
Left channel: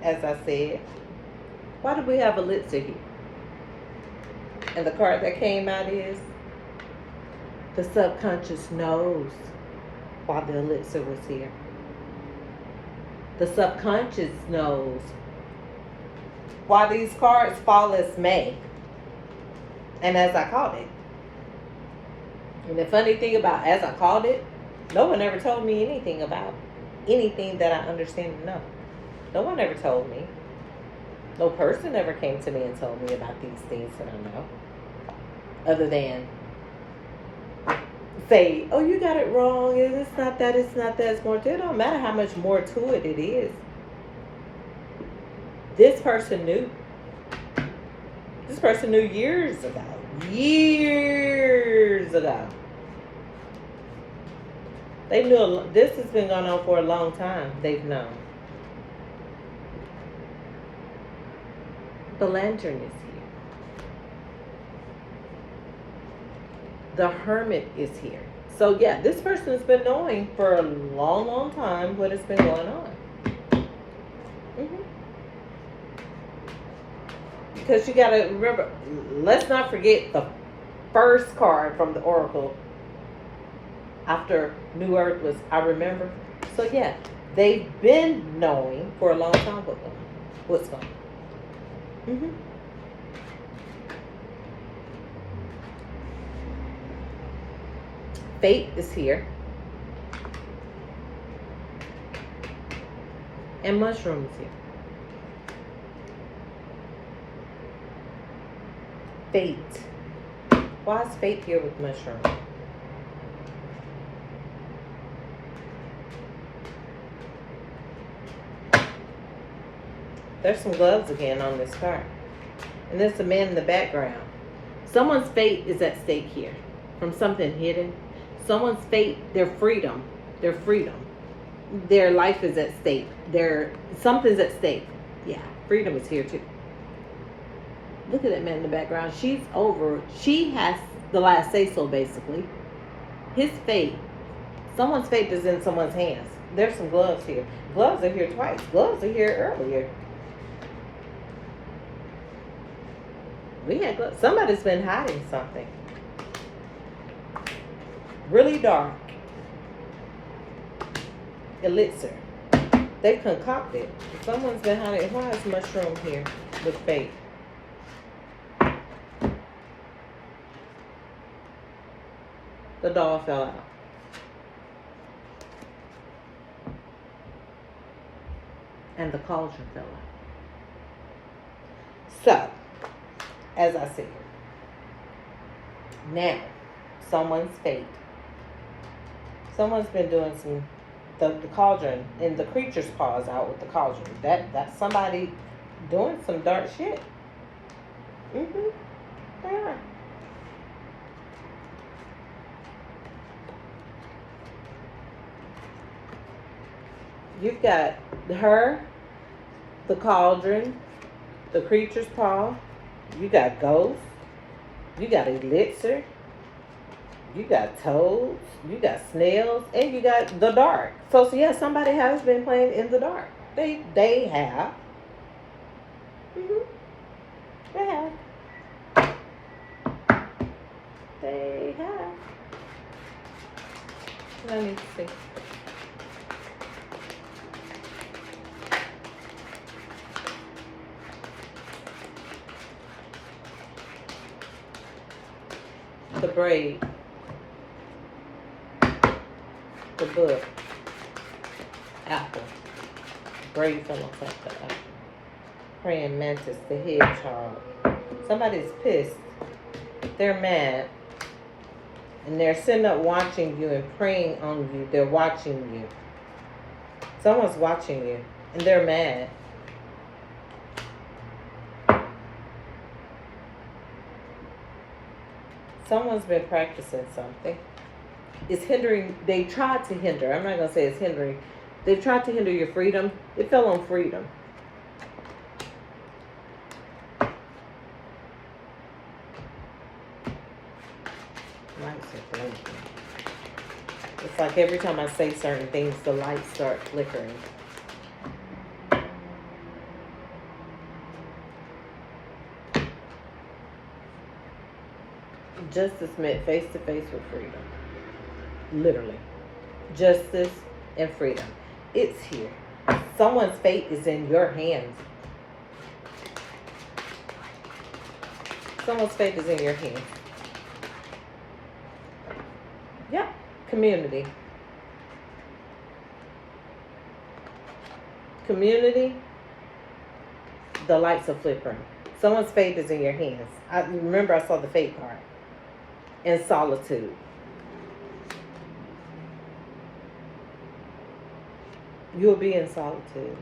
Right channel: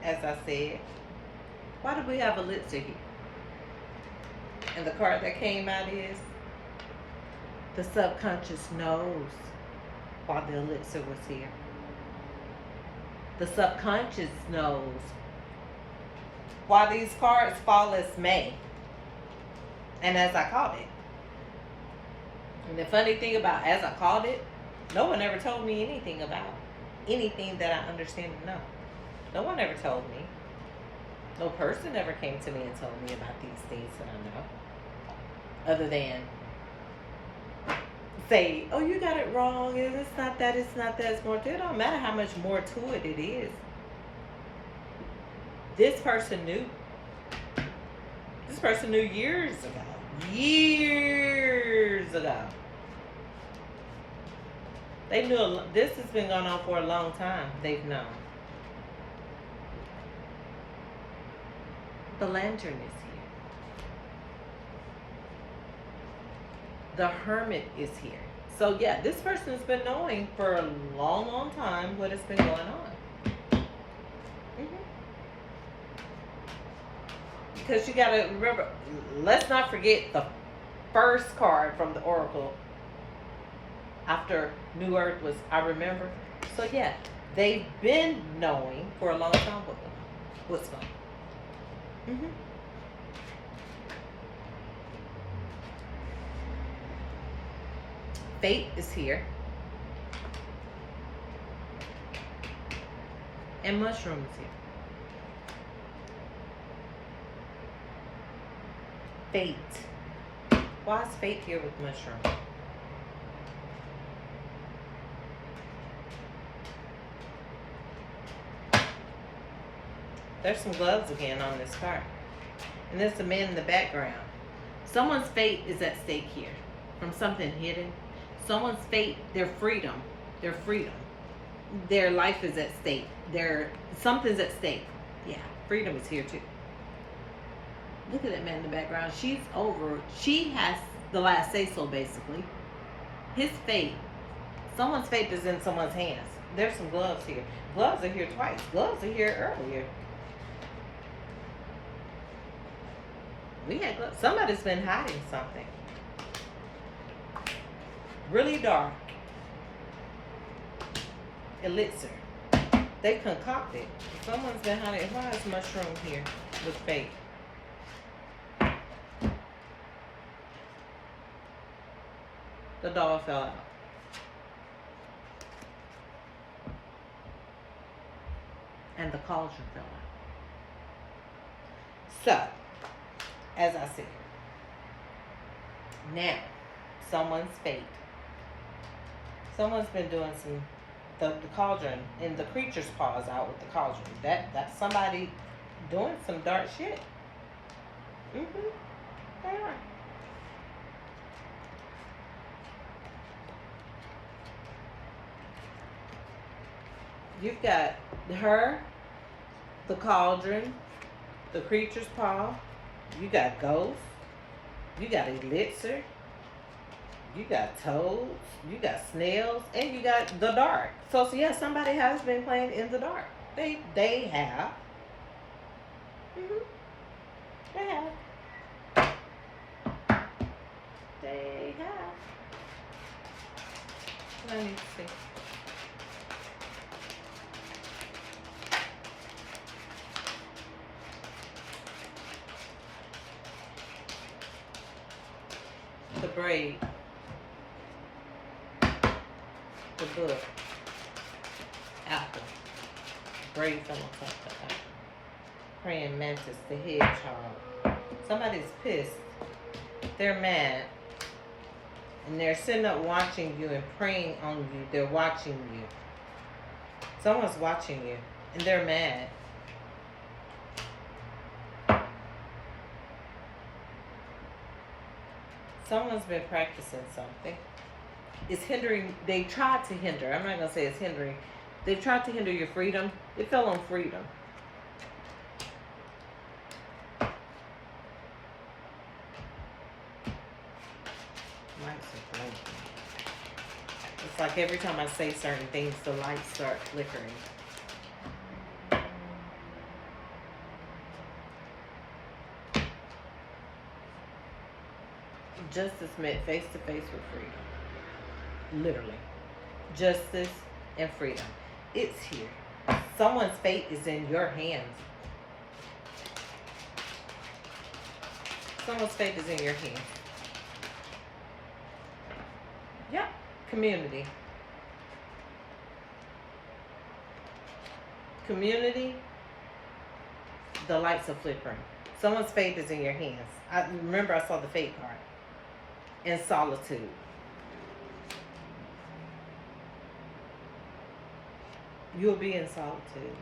As I said, why do we have elixir here? And the card that came out is the subconscious knows why the elixir was here. The subconscious knows why these cards fall as may. And as I called it. And the funny thing about as I called it, no one ever told me anything about anything that I understand and know. No one ever told me. No person ever came to me and told me about these things that I know. Other than say, oh, you got it wrong. It's not that, it's not that, it's more. It don't matter how much more to it is. This person knew. This person knew years ago. Years ago. They knew this has been going on for a long time. They've known. The lantern is here. The hermit is here. So yeah, this person has been knowing for a long, long time what has been going on. Because you got to remember, let's not forget the first card from the Oracle after New Earth was, I remember. So yeah, they've been knowing for a long time what's going on. Fate is here. And Mushroom is here. Fate. Why is Fate here with Mushroom? There's some gloves again on this card. And there's a man in the background. Someone's fate is at stake here. From something hidden. Someone's fate, their freedom. Their freedom. Their life is at stake. Something's at stake. Yeah, freedom is here too. Look at that man in the background. She has the last say so basically. His fate. Someone's fate is in someone's hands. There's some gloves here. Gloves are here twice. Gloves are here earlier. We had gloves. Somebody's been hiding something. Really dark. Elixir. They concocted. Someone's been hiding. Why is Mushroom here with Fate? The doll fell out. And the cauldron fell out. So, as I said, now, someone's fate. Someone's been doing the cauldron, and the creature's paw is out with the cauldron. That's somebody doing some dark shit. Yeah. You've got her, the cauldron, the creature's paw. You got ghosts. You got elixir. You got toads. You got snails, and you got the dark. So yeah, somebody has been playing in the dark. They have. They have. They have. Let me see. The braid, the book, apple, braid fell on top of that. Praying mantis, the hedgehog. Somebody's pissed. They're mad. And they're sitting up watching you and praying on you. They're watching you. Someone's watching you. And they're mad. Someone's been practicing something. It's hindering. They tried to hinder. I'm not going to say it's hindering. They've tried to hinder your freedom. It fell on freedom. Lights are blinking. It's like every time I say certain things, the lights start flickering. Justice met face to face with freedom. Literally. Justice and freedom. It's here. Someone's fate is in your hands. Someone's fate is in your hands. Yep. Community. Community. The lights are flickering. Someone's fate is in your hands. I remember I saw the fate card. And solitude. You'll be in solitude.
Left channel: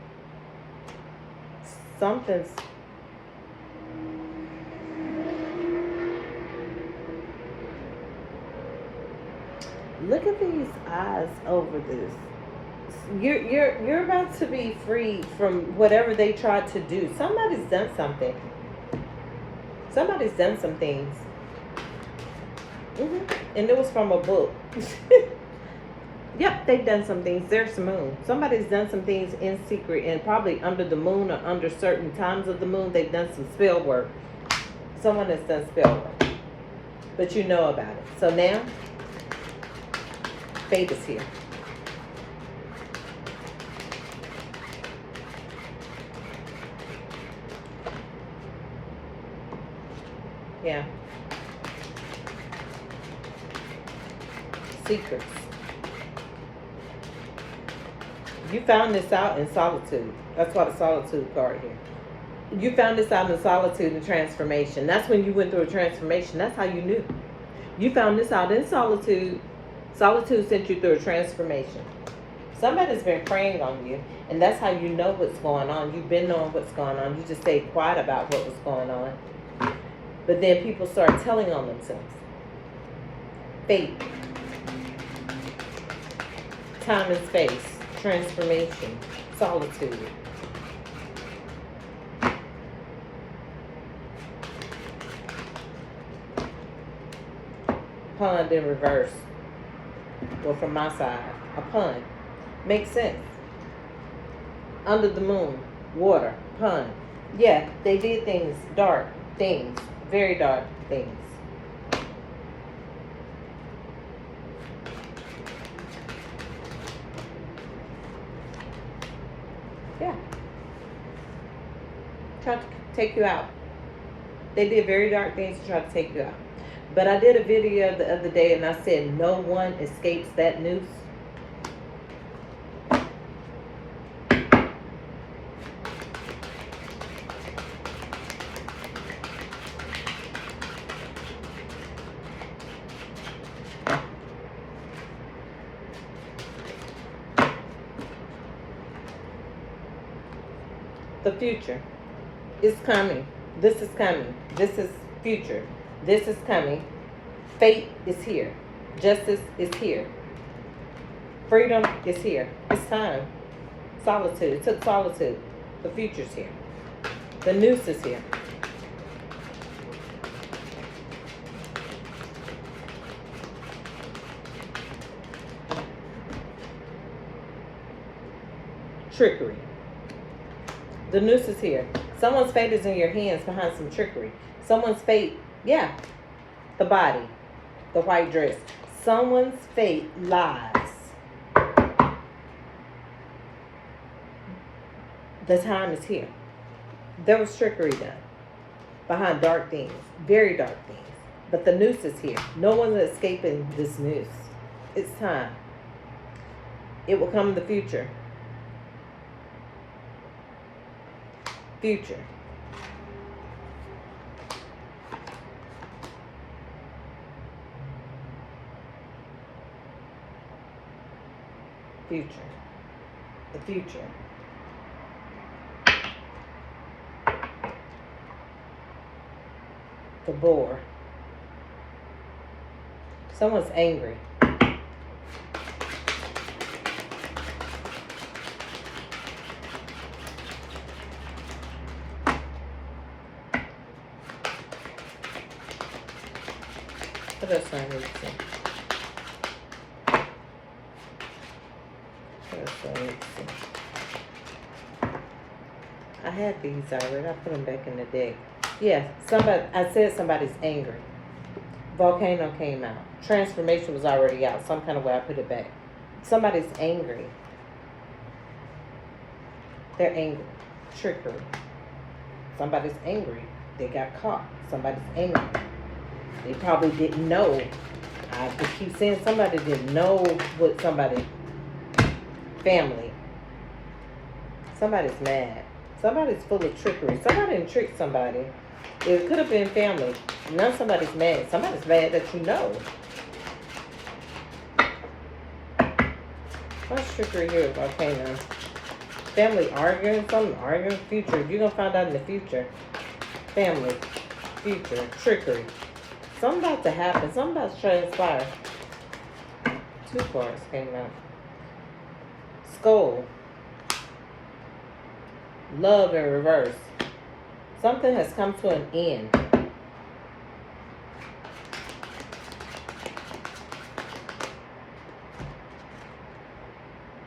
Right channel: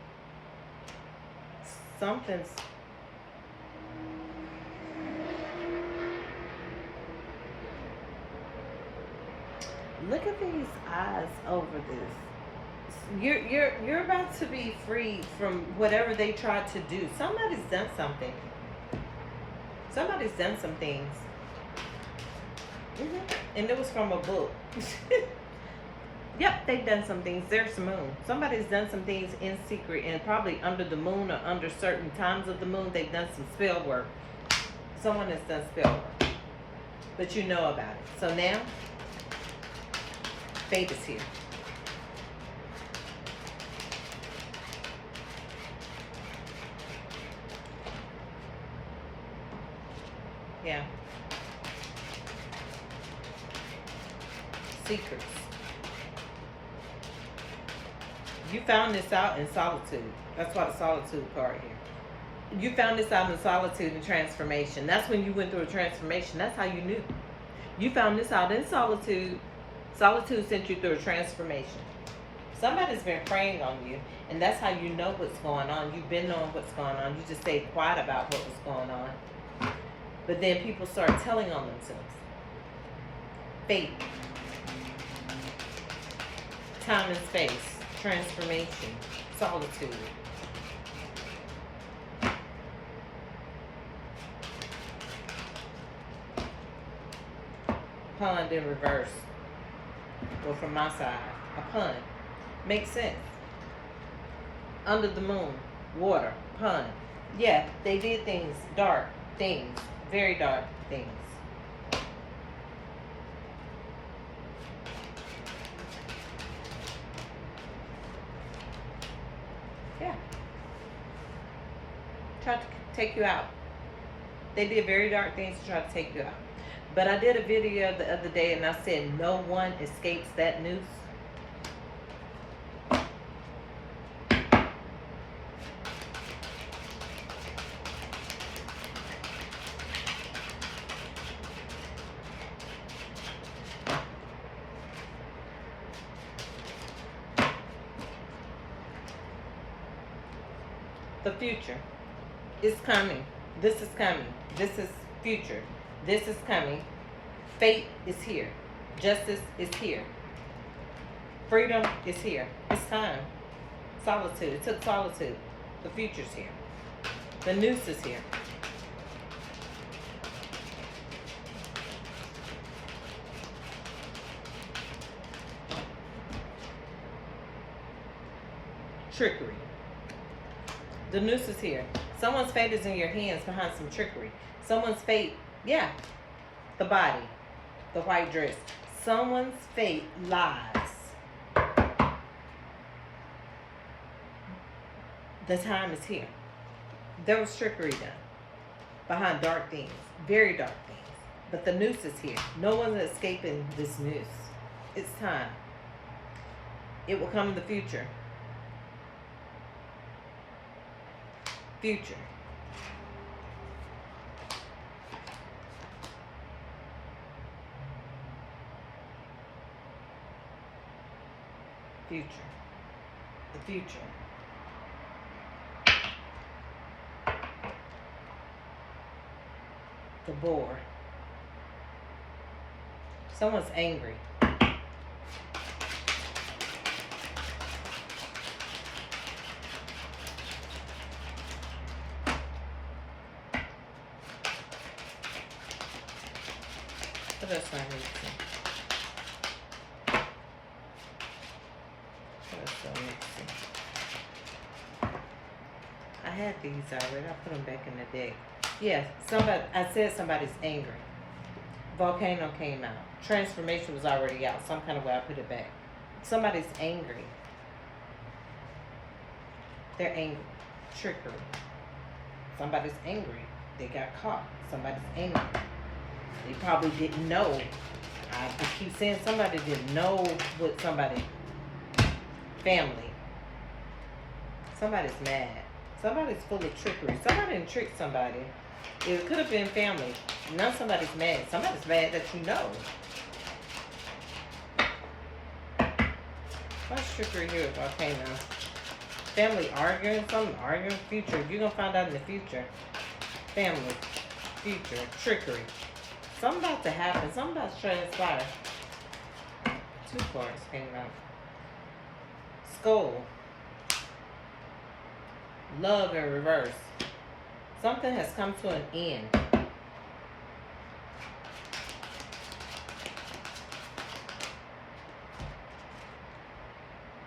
Something's... Look at these eyes over this. You're about to be freed from whatever they tried to do. Somebody's done something. Somebody's done some things. And it was from a book. Yep, they've done some things. There's the moon. Somebody's done some things in secret and probably under the moon or under certain times of the moon. They've done some spell work. Someone has done spell work. But you know about it. So now, fate is here. Yeah. Secrets. You found this out in solitude. That's why the solitude card here. You found this out in solitude and transformation. That's when you went through a transformation. That's how you knew. You found this out in solitude. Solitude sent you through a transformation. Somebody's been preying on you, and that's how you know what's going on. You've been knowing what's going on. You just stayed quiet about what was going on. But then people start telling on themselves. Fate. Time and space. Transformation. Solitude. Pond in reverse. Well, from my side, a pond. Makes sense. Under the moon, water, pond. Yeah, they did things, dark things, very dark things. Yeah. Tried to take you out. They did very dark things to try to take you out. But I did a video the other day and I said no one escapes that noose. The future is coming. This is coming. This is future. This is coming. Fate is here. Justice is here. Freedom is here. It's time. Solitude. It took solitude. The future's here. The noose is here. Trickery. The noose is here. Someone's fate is in your hands behind some trickery. Someone's fate, yeah, the body, the white dress. Someone's fate lies. The time is here. There was trickery done behind dark things, very dark things. But the noose is here. No one's escaping this noose. It's time. It will come in the future. Future. Future. The future. The boar. Someone's angry. What else I need to see? What else do I need to see? I had these already. I put them back in the deck. Yeah, I said somebody's angry. Volcano came out. Transformation was already out. Some kind of way I put it back. Somebody's angry. They're angry. Trickery. Somebody's angry. They got caught. Somebody's angry. They probably didn't know. I just keep saying somebody didn't know what somebody. Family. Somebody's mad. Somebody's full of trickery. Somebody didn't trick somebody. It could have been family. Now somebody's mad. Somebody's mad that you know. What's trickery here, Volcano? Family arguing, something arguing, future. You're going to find out in the future. Family, future, trickery. Something about to happen. Something about to transpire. 2 cards came out. Skull. Love in reverse. Something has come to an end.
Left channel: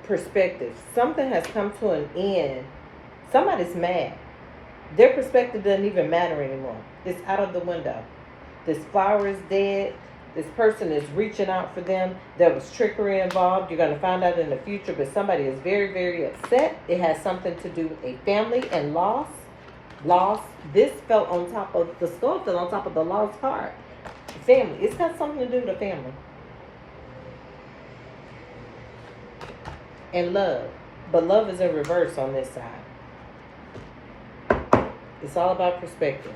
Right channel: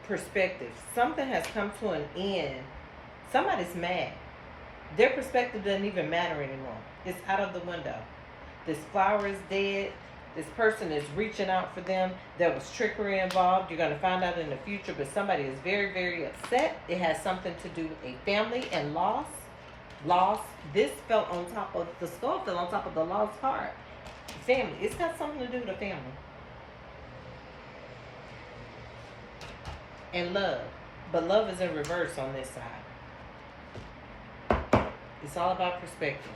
Perspective. Something has come to an end. Somebody's mad. Their perspective doesn't even matter anymore. It's out of the window. This flower is dead. This person is reaching out for them. There was trickery involved. You're going to find out in the future, but somebody is very, very upset. It has something to do with a family and loss. Loss. This fell on top of, the skull fell on top of the lost card. Family. It's got something to do with the family. and love. But love is in reverse on this side. It's all about perspective.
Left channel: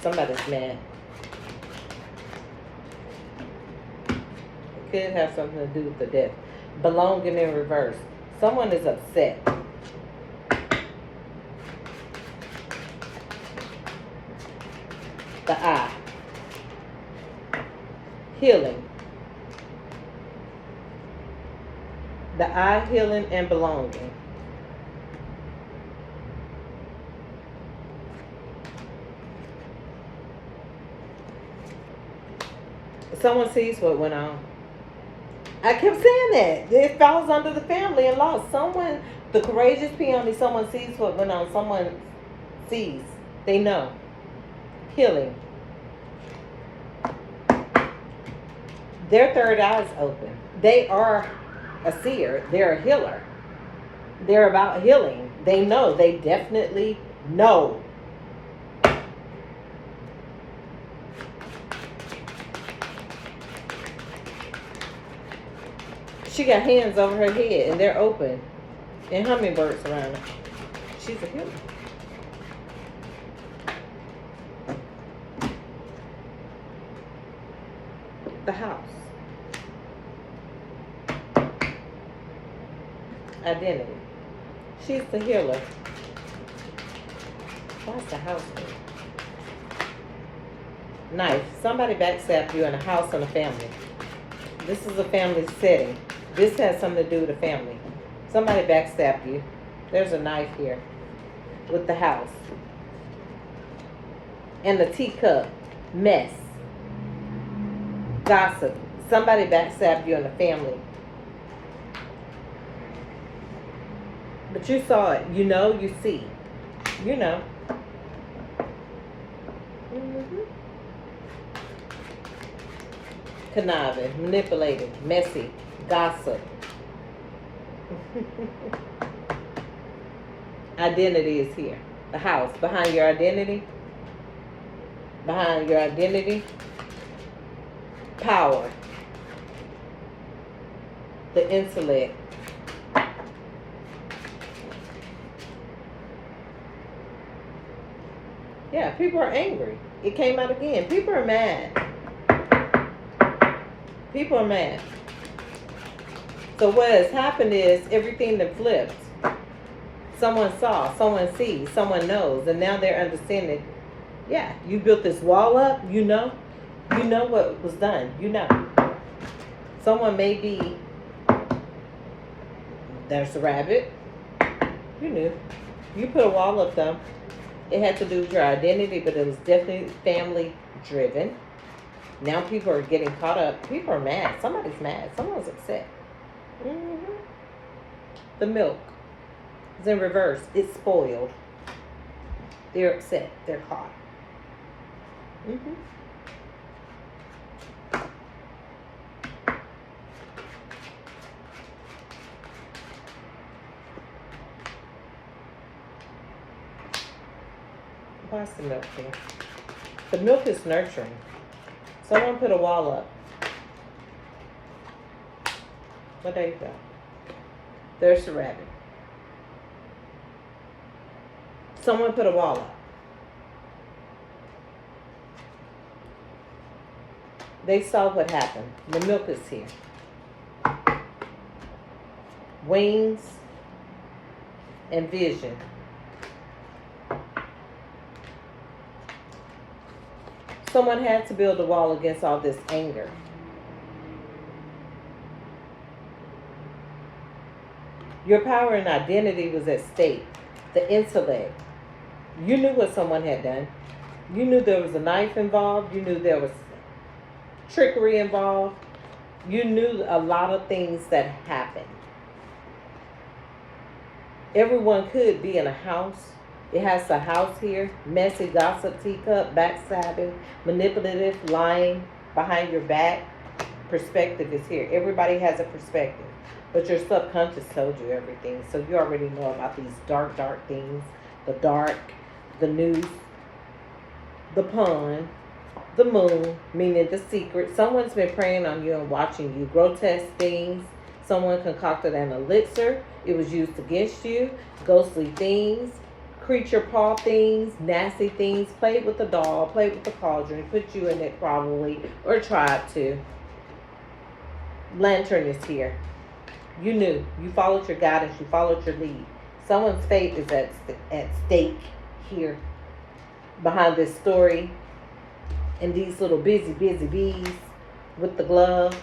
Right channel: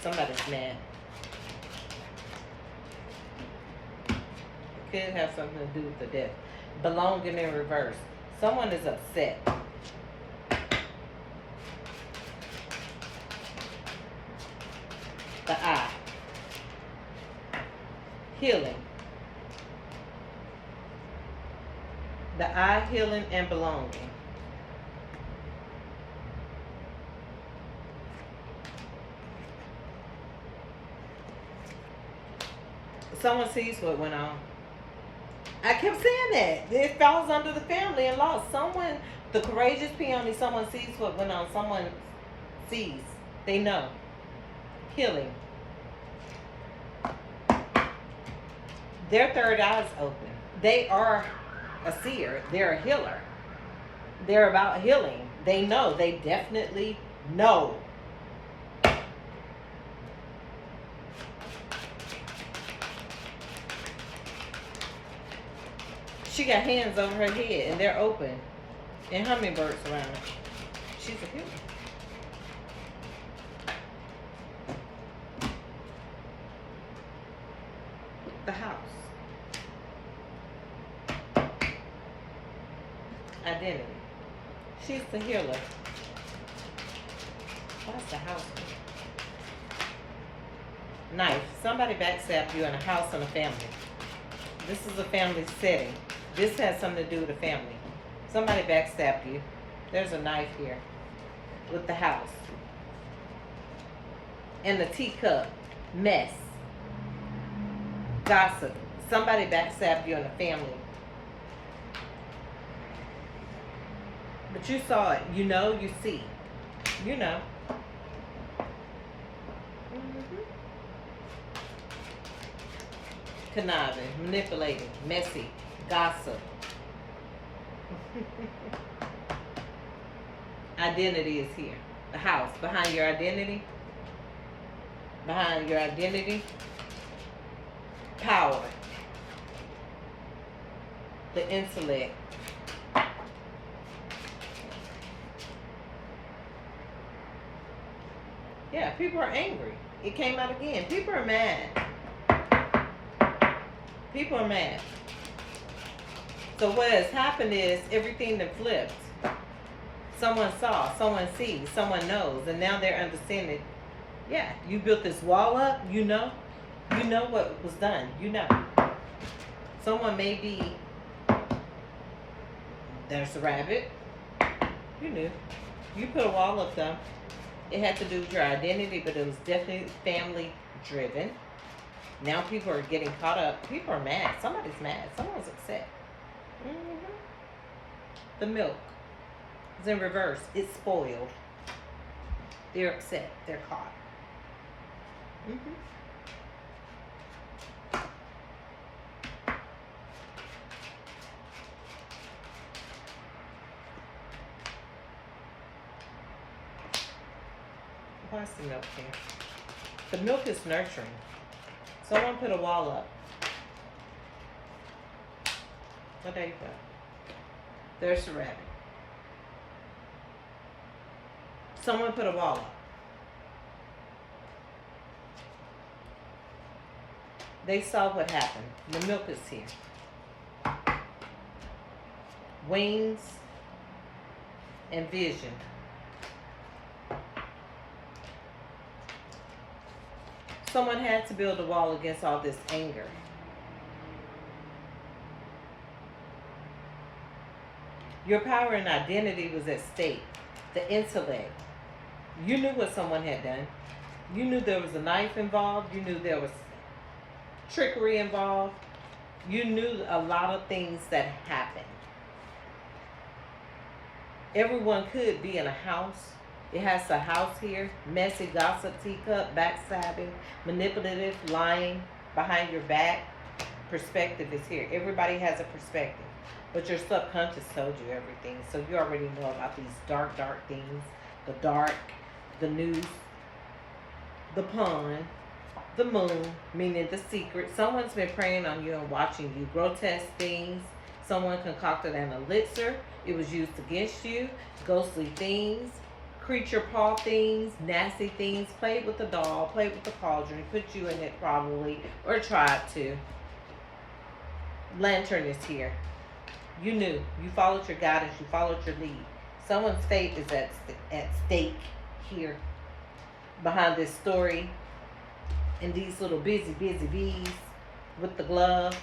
Somebody's mad. It could have something to do with the death. Belonging in reverse. Someone is upset. The eye. Healing. The eye, healing, and belonging. Someone sees what went on. I kept saying that. It falls under the family and law. Someone, the courageous peony, someone sees what went on. Someone sees. They know. Healing. Their third eye is open. They are a seer. They're a healer. They're about healing. They know. They definitely know. She got hands over her head and they're open. And hummingbirds around her. She's a healer. The house. Identity. She's the healer. Why's the house there? Knife. Somebody backstabbed you in a house and a family. This is a family setting. This has something to do with a family. Somebody backstabbed you. There's a knife here with the house. And the teacup. Mess. Gossip. Somebody backstabbed you in a family. But you saw it. You know, you see. You know. Conniving, manipulating, messy, gossip. Identity is here. The house. Behind your identity. Behind your identity. Power. The intellect. Yeah, people are angry. It came out again. People are mad. People are mad. So what has happened is everything that flipped. Someone saw, someone sees, someone knows, and now they're understanding. Yeah, you built this wall up, you know what was done, you know. Someone may be, there's a rabbit, you knew. You put a wall up though. It had to do with your identity, but it was definitely family driven. Now people are getting caught up. People are mad. Somebody's mad. Someone's upset. The milk is in reverse. It's spoiled. They're upset. They're caught. Why's the milk here? The milk is nurturing. Someone put a wall up. Oh, there you go. There's the rabbit. Someone put a wall up. They saw what happened. The milk is here. Wings and vision. Someone had to build a wall against all this anger. Your power and identity was at stake. The intellect. You knew what someone had done. You knew there was a knife involved. You knew there was trickery involved. You knew a lot of things that happened. Everyone could be in a house. It has a house here. Messy, gossip, teacup, backstabbing, manipulative, lying behind your back. Perspective is here. Everybody has a perspective. But your subconscious told you everything. So you already know about these dark, dark things. The dark, the news, the pun, the moon, meaning the secret. Someone's been preying on you and watching you. Grotesque things, Someone concocted an elixir. It was used against you. Ghostly things, creature paw things, nasty things. Played with the doll, played with the cauldron, put you in it probably, or tried to. Lantern is here. You knew. You followed your guidance. You followed your lead. Someone's fate is at stake here behind this story. And these little busy bees with the glove.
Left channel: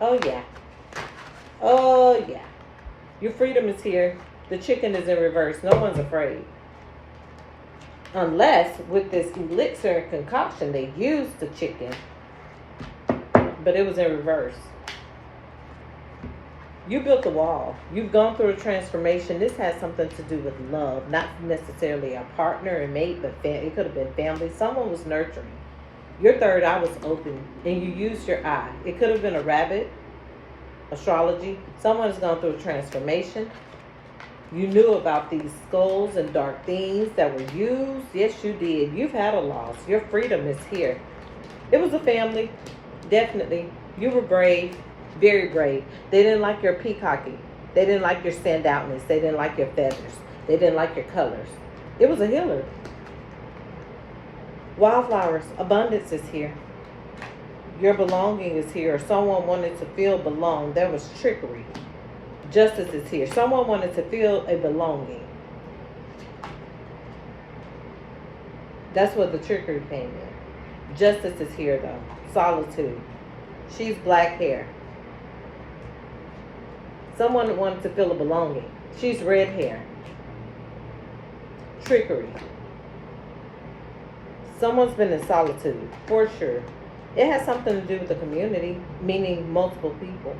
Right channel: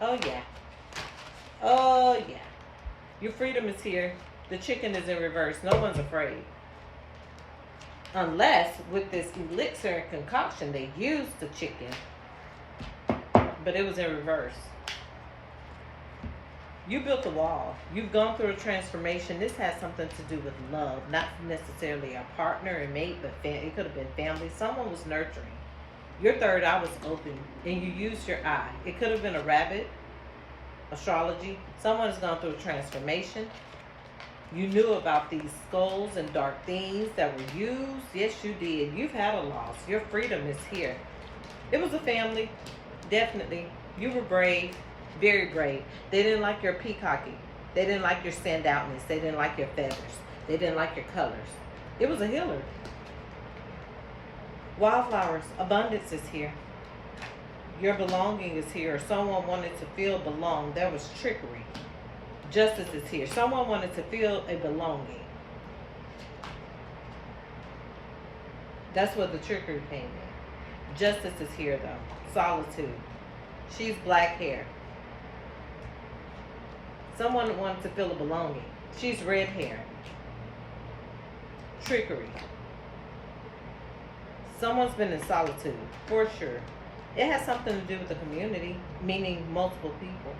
Oh, yeah. Oh, yeah. Your freedom is here. The chicken is in reverse. No one's afraid. Unless, with this elixir and concoction, they used the chicken. But it was in reverse. You built a wall. You've gone through a transformation. This has something to do with love. Not necessarily a partner and mate, but it could have been family. Someone was nurturing. Your third eye was open, and you used your eye. It could have been a rabbit, astrology. Someone has gone through a transformation. You knew about these skulls and dark things that were used. Yes, you did. You've had a loss. Your freedom is here. It was a family. Definitely. You were brave. Very brave. They didn't like your peacocking. They didn't like your standoutness. They didn't like your feathers. They didn't like your colors. It was a healer. Wildflowers. Abundance is here. Your belonging is here. Or someone wanted to feel belonged. There was trickery. Justice is here. Someone wanted to feel a belonging. That's where the trickery came in. Justice is here though. Solitude. She's black hair. Someone wanted to feel a belonging. She's red hair. Trickery. Someone's been in solitude, for sure. It has something to do with the community, meaning multiple people.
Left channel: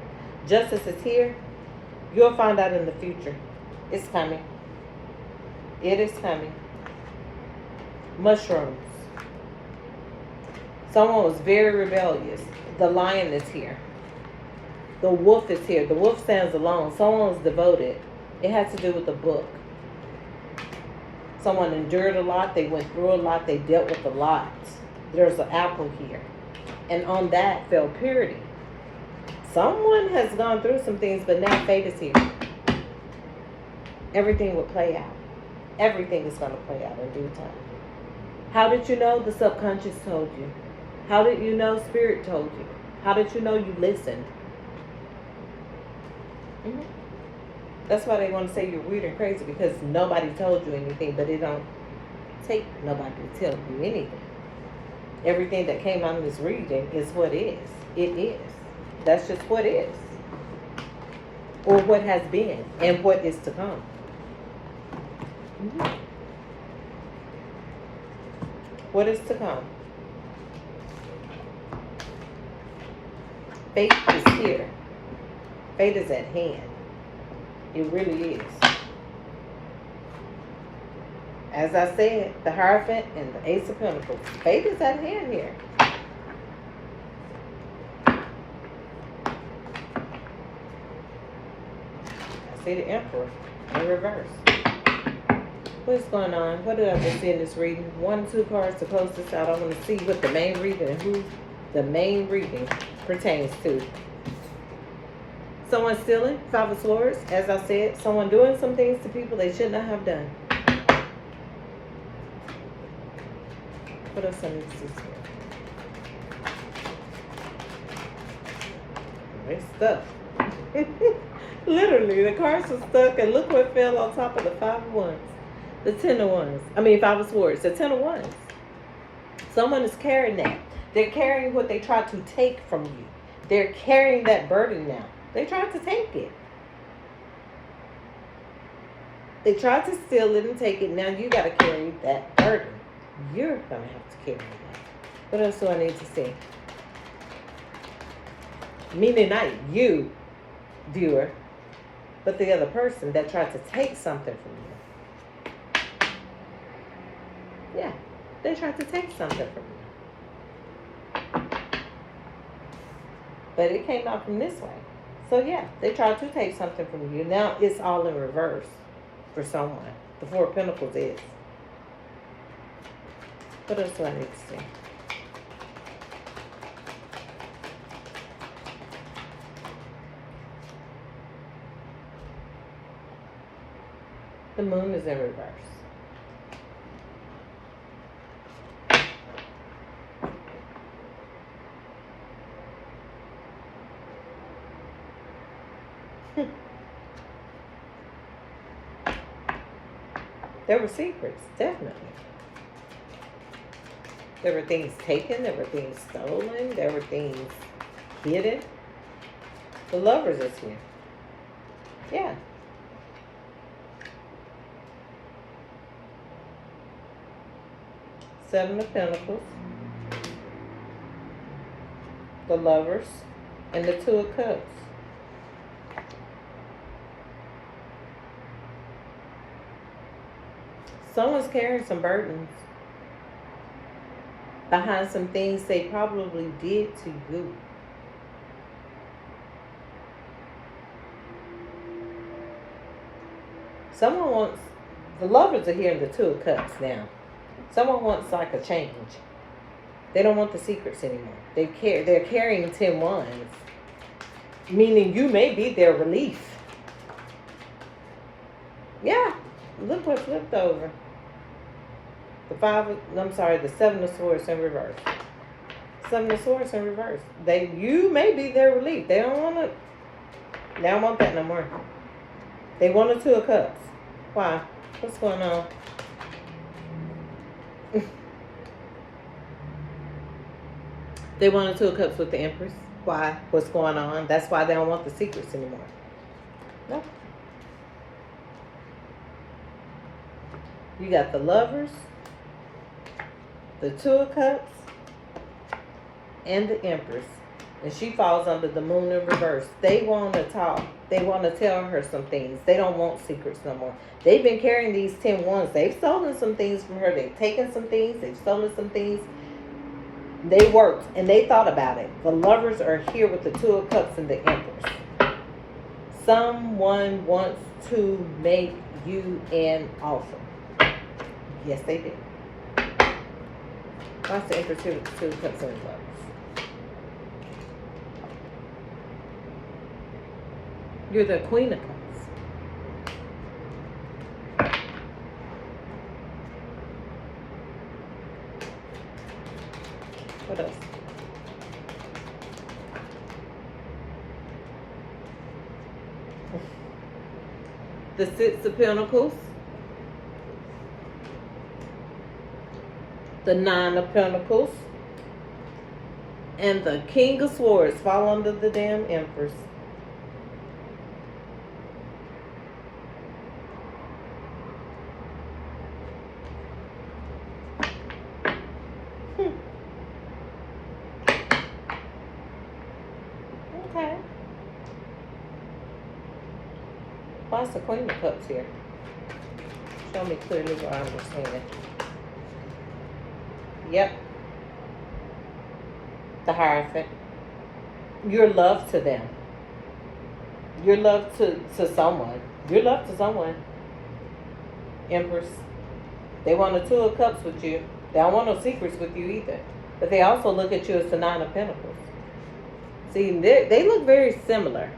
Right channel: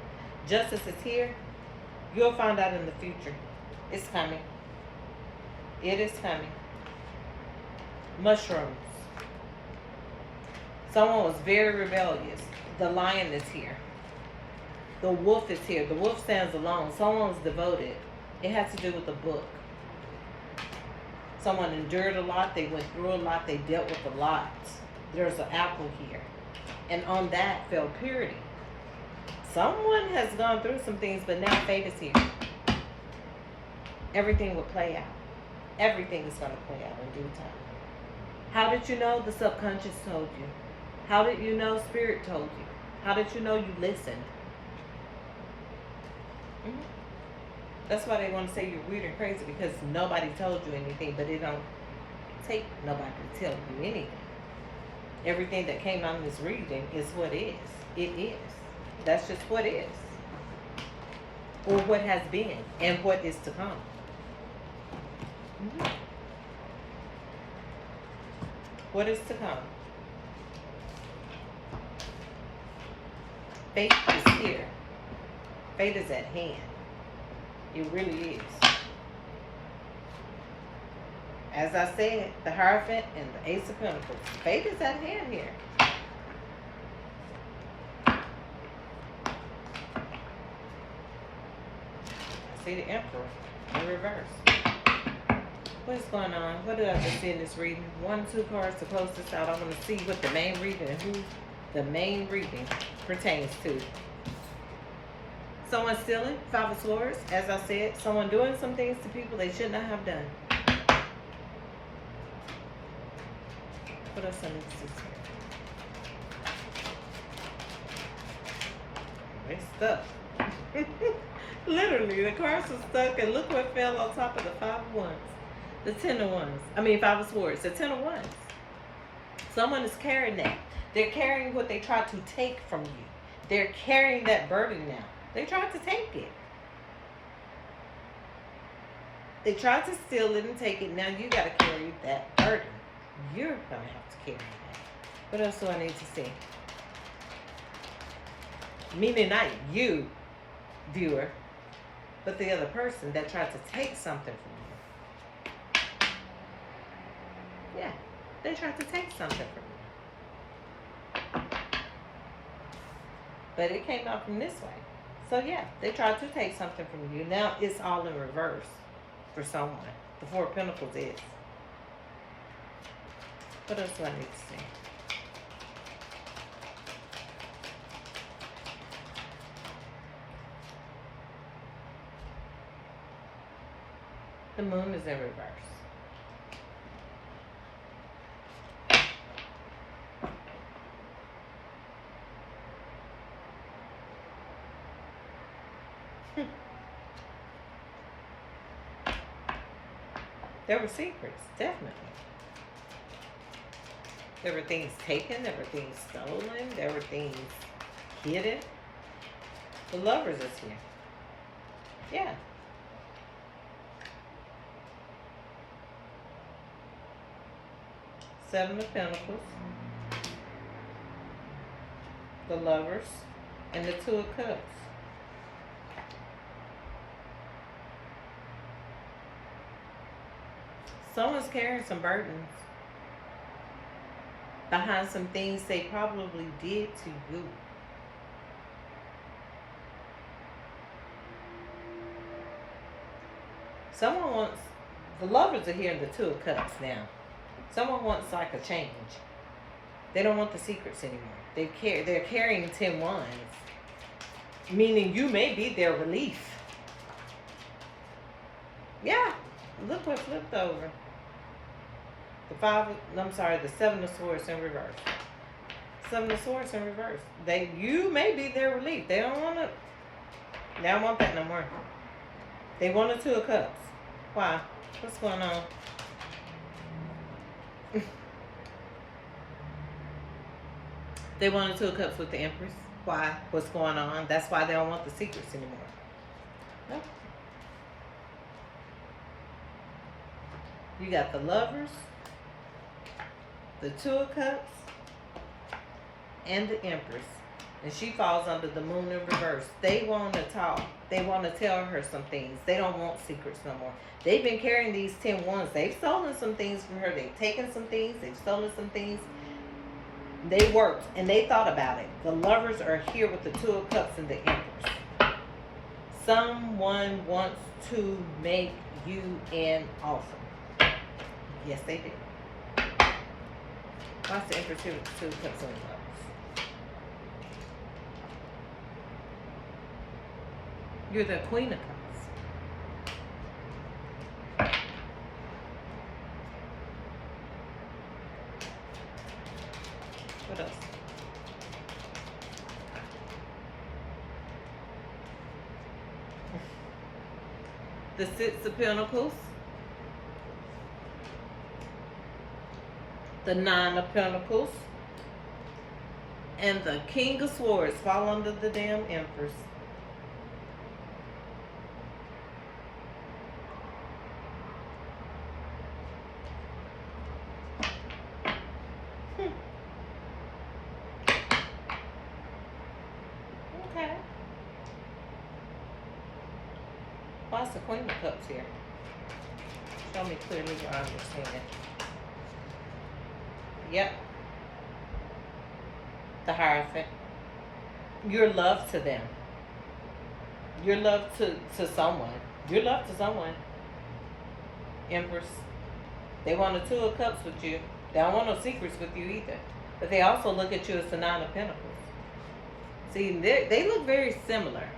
Justice is here. You'll find out in the future. It's coming. It is coming. Mushrooms. Someone was very rebellious. The lion is here. The wolf is here. The wolf stands alone. Someone was devoted. It has to do with the book. Someone endured a lot. They went through a lot. They dealt with a lot. There's an apple here. And on that fell purity. Someone has gone through some things, but now fate is here. Everything will play out. Everything is going to play out in due time. How did you know? The subconscious told you. How did you know? Spirit told you. How did you know? You listened. That's why they want to say you're weird and crazy, because nobody told you anything, but it don't take nobody to tell you anything. Everything that came out of this reading is what is. It is. That's just what is. Or what has been and what is to come. What is to come? Fate is here. Fate is at hand. It really is. As I said, the Hierophant and the Ace of Pentacles. Fate is at hand here. I see the Emperor in reverse. What's going on? What did I just see in this reading? 1, 2 cards to close this out. I want to see what the main reading and who the main reading pertains to. Someone stealing, 5 of Swords, as I said. Someone doing some things to people they should not have done. What else I need to see here? They stuck. Literally, the cards are stuck, and look what fell on top of the 5 of Wands. The 10 of Wands. 5 of Swords. The 10 of Wands. Someone is carrying that. They're carrying what they tried to take from you. They're carrying that burden now. They tried to take it. They tried to steal it and take it. Now you got to carry that burden. You're going to have to carry that. What else do I need to see? Meaning not you, viewer, but the other person that tried to take something from you. Yeah, they tried to take something from you. But it came out from this way. So yeah, they tried to take something from you. Now it's all in reverse for someone. The 4 of Pentacles is. What else do I need to see? The moon is in reverse. There were secrets, definitely. There were things taken, there were things stolen, there were things hidden. The Lovers is here. Yeah. Seven of Pentacles. The Lovers. And the Two of Cups. Someone's carrying some burdens behind some things they probably did to you. Someone wants, the Lovers are here in the Two of Cups now. Someone wants like a change. They don't want the secrets anymore. They're carrying 10 wands, meaning you may be their relief. Yeah, look what flipped over. The Seven of Swords in reverse. Seven of Swords in reverse. You may be their relief. They don't want that no more. They want the Two of Cups. Why? What's going on? They want the Two of Cups with the Empress. Why? What's going on? That's why they don't want the secrets anymore. No. You got the Lovers, the Two of Cups, and the Empress. And she falls under the Moon in reverse. They want to talk. They want to tell her some things. They don't want secrets no more. They've been carrying these 10 wands. They've stolen some things from her. They've taken some things. They've stolen some things. They worked and they thought about it. The Lovers are here with the Two of Cups and the Empress. Someone wants to make you an offer. Yes, they do. What's the Empress here with the Two of Cups and the Lovers? You're the Queen of Cups. What else? The Six of Pentacles. The Nine of Pentacles. And the King of Swords fall under the damn Empress. Okay. Why's the Queen of Cups here? Show me clearly what I understand. Yep. The Hierophant. Your love to them. Your love to someone. Your love to someone. Empress. They want the Two of Cups with you. They don't want no secrets with you either. But they also look at you as the Nine of Pentacles. See, they look very similar.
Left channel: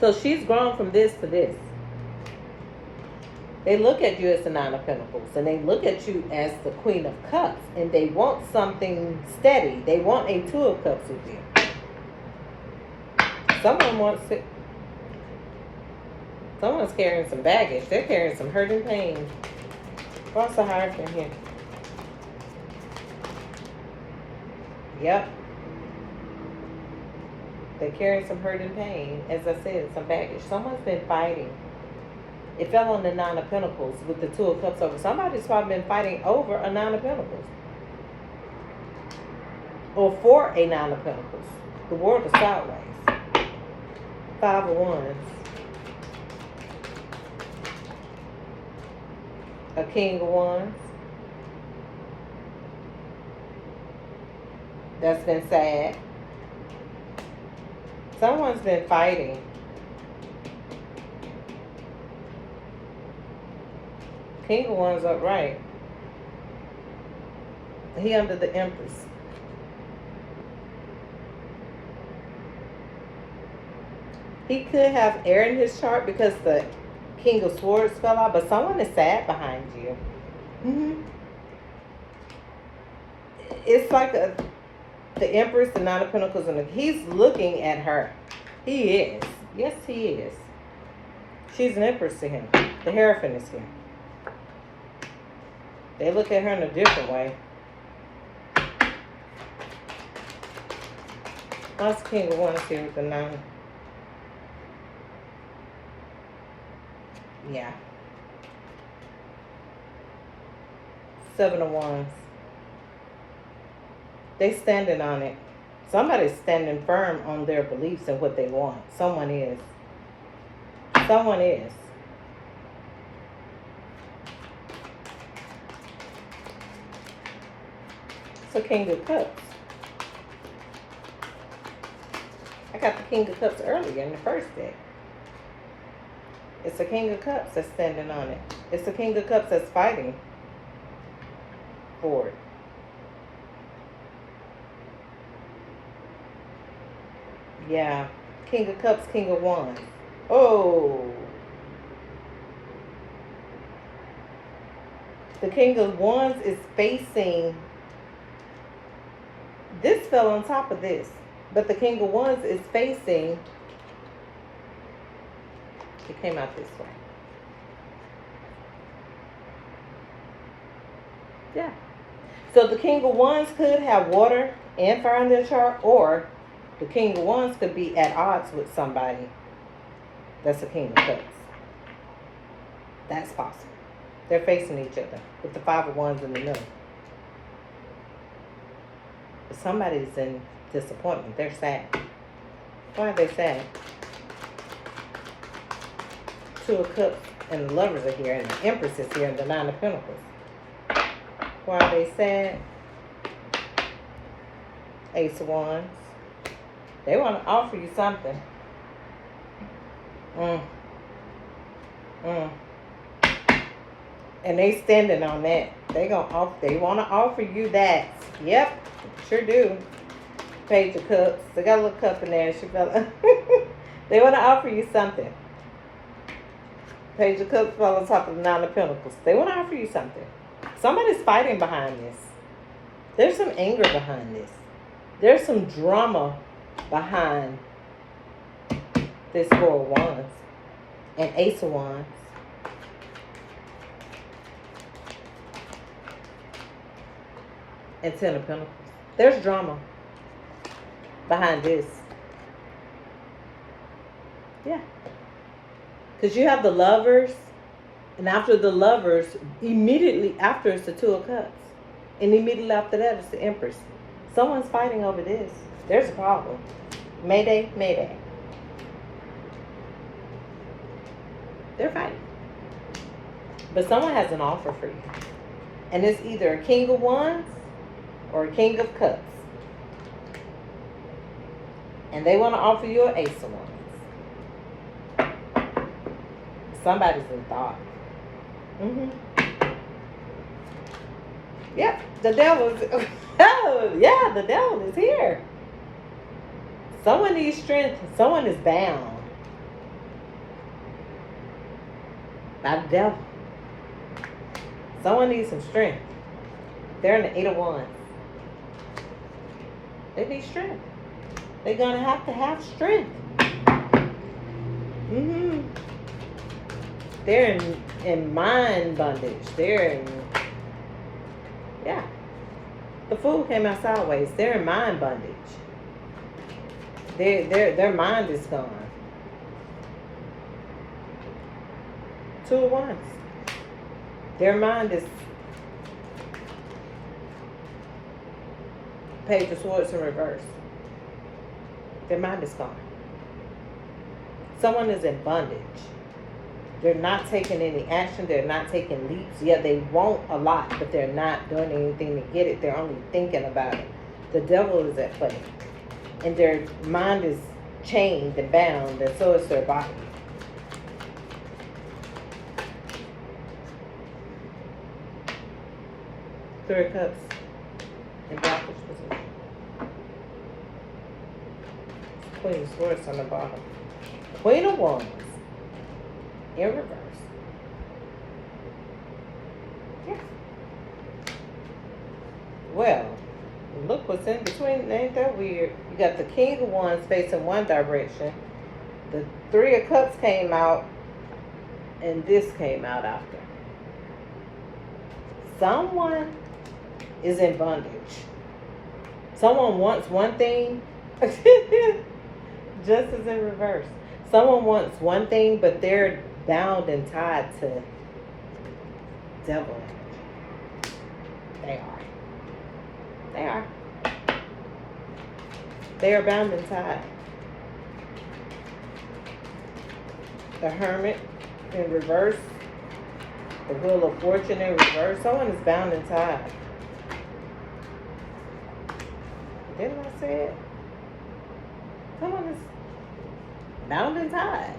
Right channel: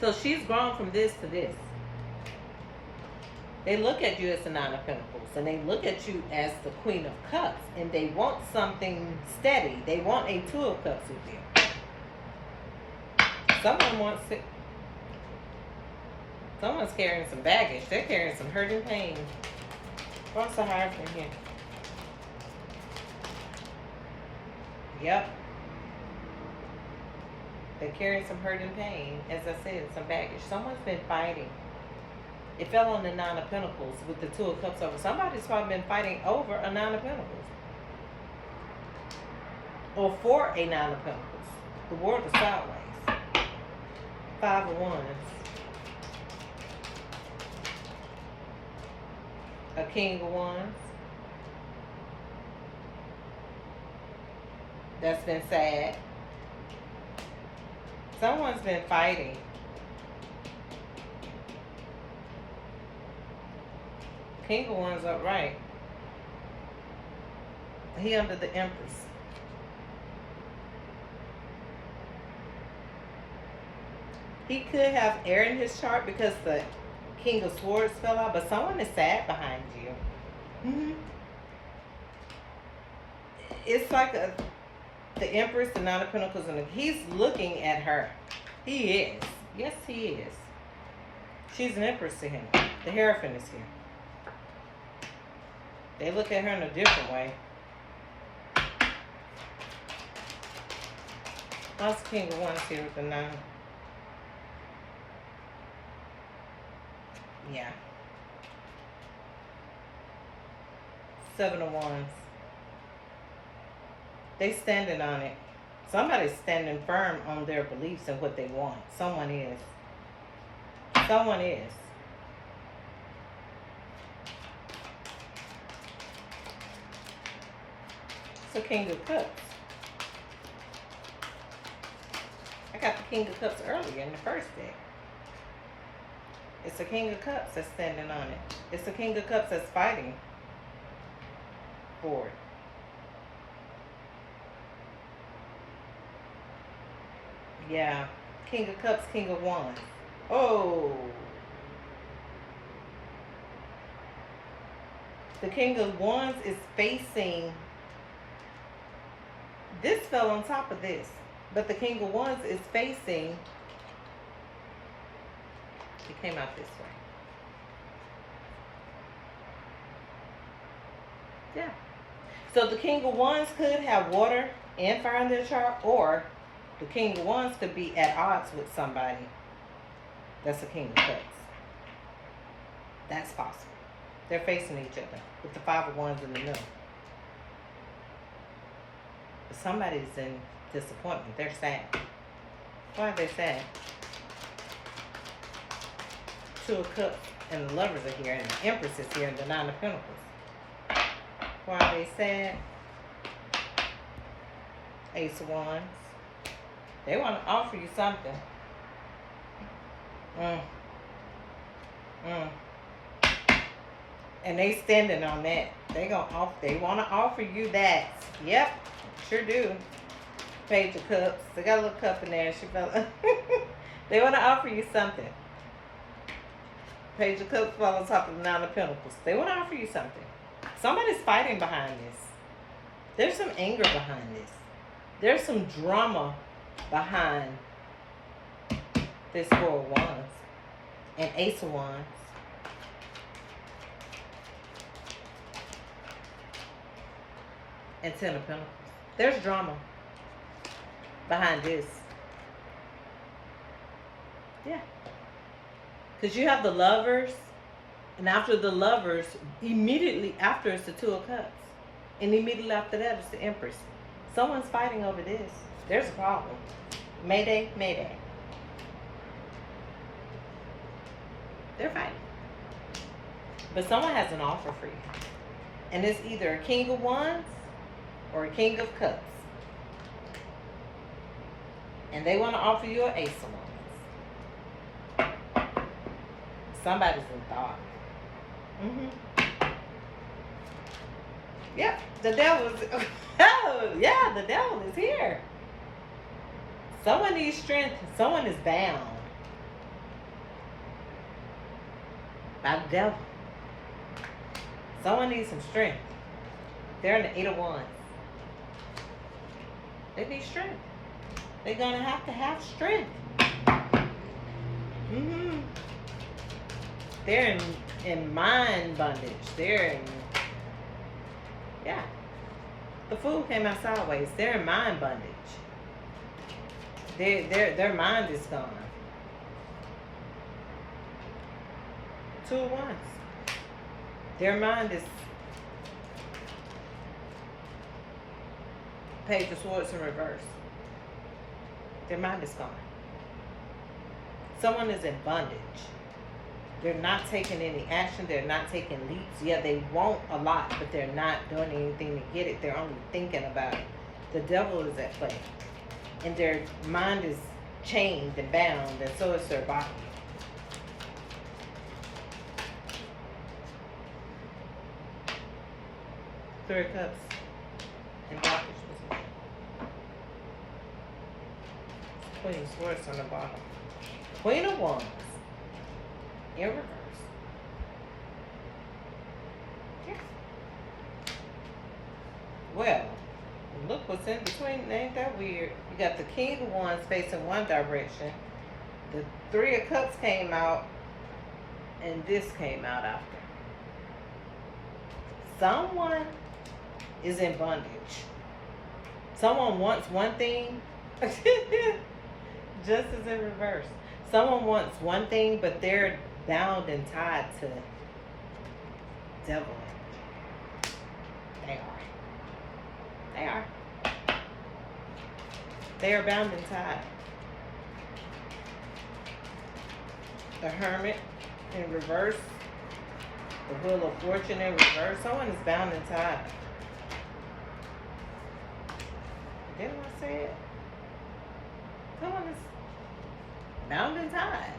So she's grown from this to this. They look at you as the Nine of Pentacles. And they look at you as the Queen of Cups. And they want something steady. They want a Two of Cups with you. Someone wants it. Someone's carrying some baggage. They're carrying some hurt and pain. What's the Hierophant here? Yep. They're carrying some hurt and pain. As I said, some baggage. Someone's been fighting. It fell on the Nine of Pentacles with the Two of Cups over. Somebody's probably been fighting over a Nine of Pentacles. Or for a Nine of Pentacles. The world is sideways. Five of Wands. A King of Wands. That's been sad. Someone's been fighting. King of Wands upright. He under the Empress. He could have air in his chart because the King of Swords fell out, but someone is sad behind you. It's like the Empress, the Nine of Pentacles, and he's looking at her. He is. Yes, he is. She's an Empress to him. The Hierophant is here. They look at her in a different way. That's King of Wands here with the 9. Yeah. 7 of Wands. They standing on it. Somebody's standing firm on their beliefs and what they want. Someone is. Someone is. It's a King of Cups. I got the King of Cups earlier in the first deck. It's a King of Cups that's standing on it. It's a King of Cups that's fighting for it. Yeah. King of Cups, King of Wands. Oh. The King of Wands is facing... This fell on top of this. But the King of Wands is facing... It came out this way. Yeah. So the King of Wands could have water and fire in their chart, or the King of Wands could be at odds with somebody that's a King of Cups. That's possible. They're facing each other with the 5 of Wands in the middle. But somebody's in disappointment. They're sad. Why are they sad? 2 of Cups and the Lovers are here, and the Empress is here, and the 9 of Pentacles. Why are they sad? Ace of Wands. They want to offer you something. And they standing on that. They want to offer you that. Yep, sure do. Page of Cups. They got a little cup in there. She fell. They want to offer you something. Page of Cups fell on top of the 9 of Pentacles. They want to offer you something. Somebody's fighting behind this. There's some anger behind this. There's some drama behind this 4 of Wands and Ace of Wands. And 10 of Pentacles. There's drama behind this. Yeah. Because you have the Lovers, and after the Lovers, immediately after it's the 2 of Cups. And immediately after that, it's the Empress. Someone's fighting over this. There's a problem. Mayday, mayday. They're fighting. But someone has an offer for you. And it's either a King of Wands or a King of Cups. And they want to offer you an Ace of Wands. Somebody's in thought. Yep, the devil's... Oh, yeah, the devil is here. Someone needs strength. Someone is bound by the devil. Someone needs some strength. They're in the 8 of Wands. They need strength. They're going to have strength. They're in mind bondage. They're in... Yeah. The Fool came out sideways. They're in mind bondage. Their mind is gone. 2 of Wands. Their mind is... Page of Swords in reverse. Their mind is gone. Someone is in bondage. They're not taking any action. They're not taking leaps. Yeah, they want a lot, but they're not doing anything to get it. They're only thinking about it. The devil is at play. And their mind is chained and bound, and so is their body. Three of Cups in Blackish position. Queen of Swords on the bottom. Queen of Wands. in reverse. Yeah. Well, look what's in between. Ain't that weird? You got the King of Wands facing one direction. The Three of Cups came out, and this came out after. Someone is in bondage. Someone wants one thing. Justice in reverse. Someone wants one thing, but they're bound and tied to devil energy. They are. They are. They are bound and tied. The Hermit in reverse. The Wheel of Fortune in reverse. Someone is bound and tied. Didn't I say it? Someone is bound and tied.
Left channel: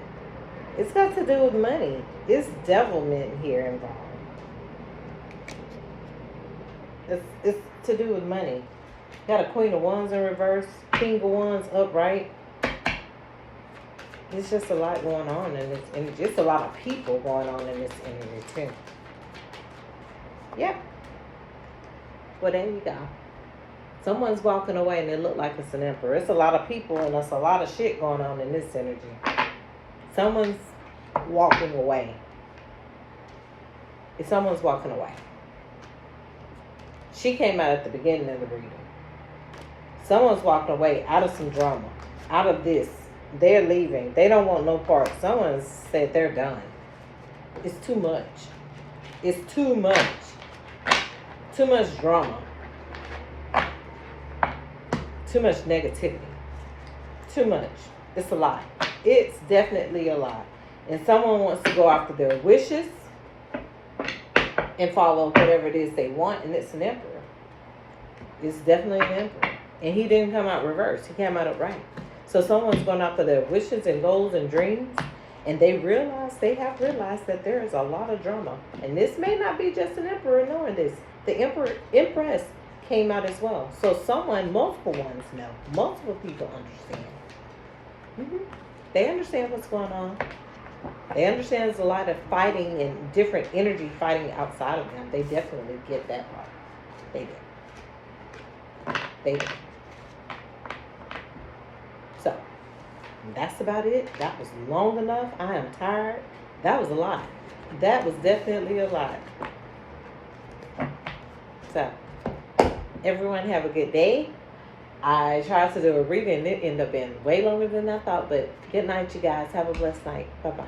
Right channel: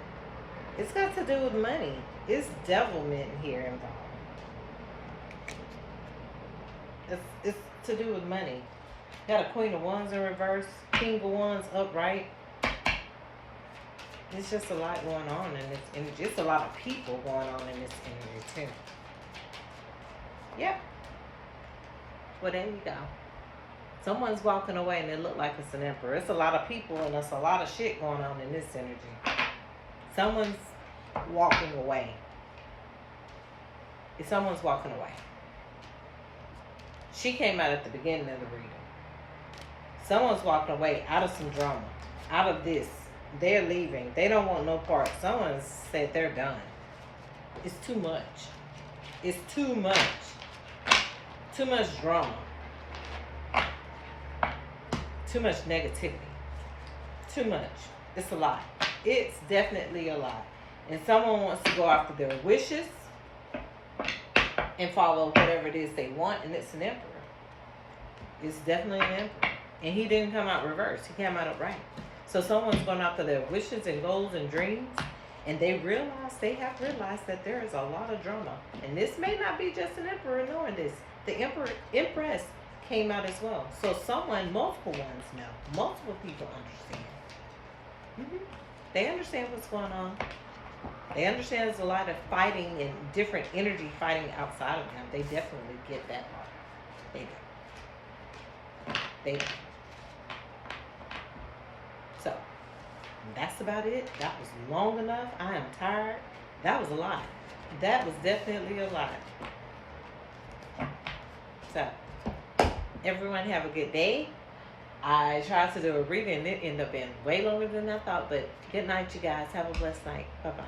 It's got to do with money. It's devilment here involved. It's to do with money. Got a Queen of Wands in reverse, King of Wands upright. There's just a lot going on in this energy. Just a lot of people going on in this energy too. Yep. Well, there you go. Someone's walking away and it look like it's an emperor. It's a lot of people and there's a lot of shit going on in this energy. Someone's walking away. If someone's walking away. She came out at the beginning of the reading. Someone's walking away out of some drama. Out of this. They're leaving. They don't want no part. Someone said they're done. It's too much. It's too much. Too much drama. Too much negativity. Too much. It's a lot. It's definitely a lot. And someone wants to go after their wishes and follow whatever it is they want. And it's an emperor. It's definitely an emperor. And he didn't come out reverse. He came out upright. So someone's going after their wishes and goals and dreams. And they have realized that there is a lot of drama. And this may not be just an emperor knowing this. The empress came out as well. So someone, multiple ones know. Multiple people understand. They understand what's going on. They understand there's a lot of fighting and different energy fighting outside of them. They definitely get that part. They do. They do. So, that's about it. That was long enough. I am tired. That was a lot. That was definitely a lot. So, everyone have a good day. I tried to do a reading and it ended up being way longer than I thought. But good night, you guys. Have a blessed night. Bye-bye.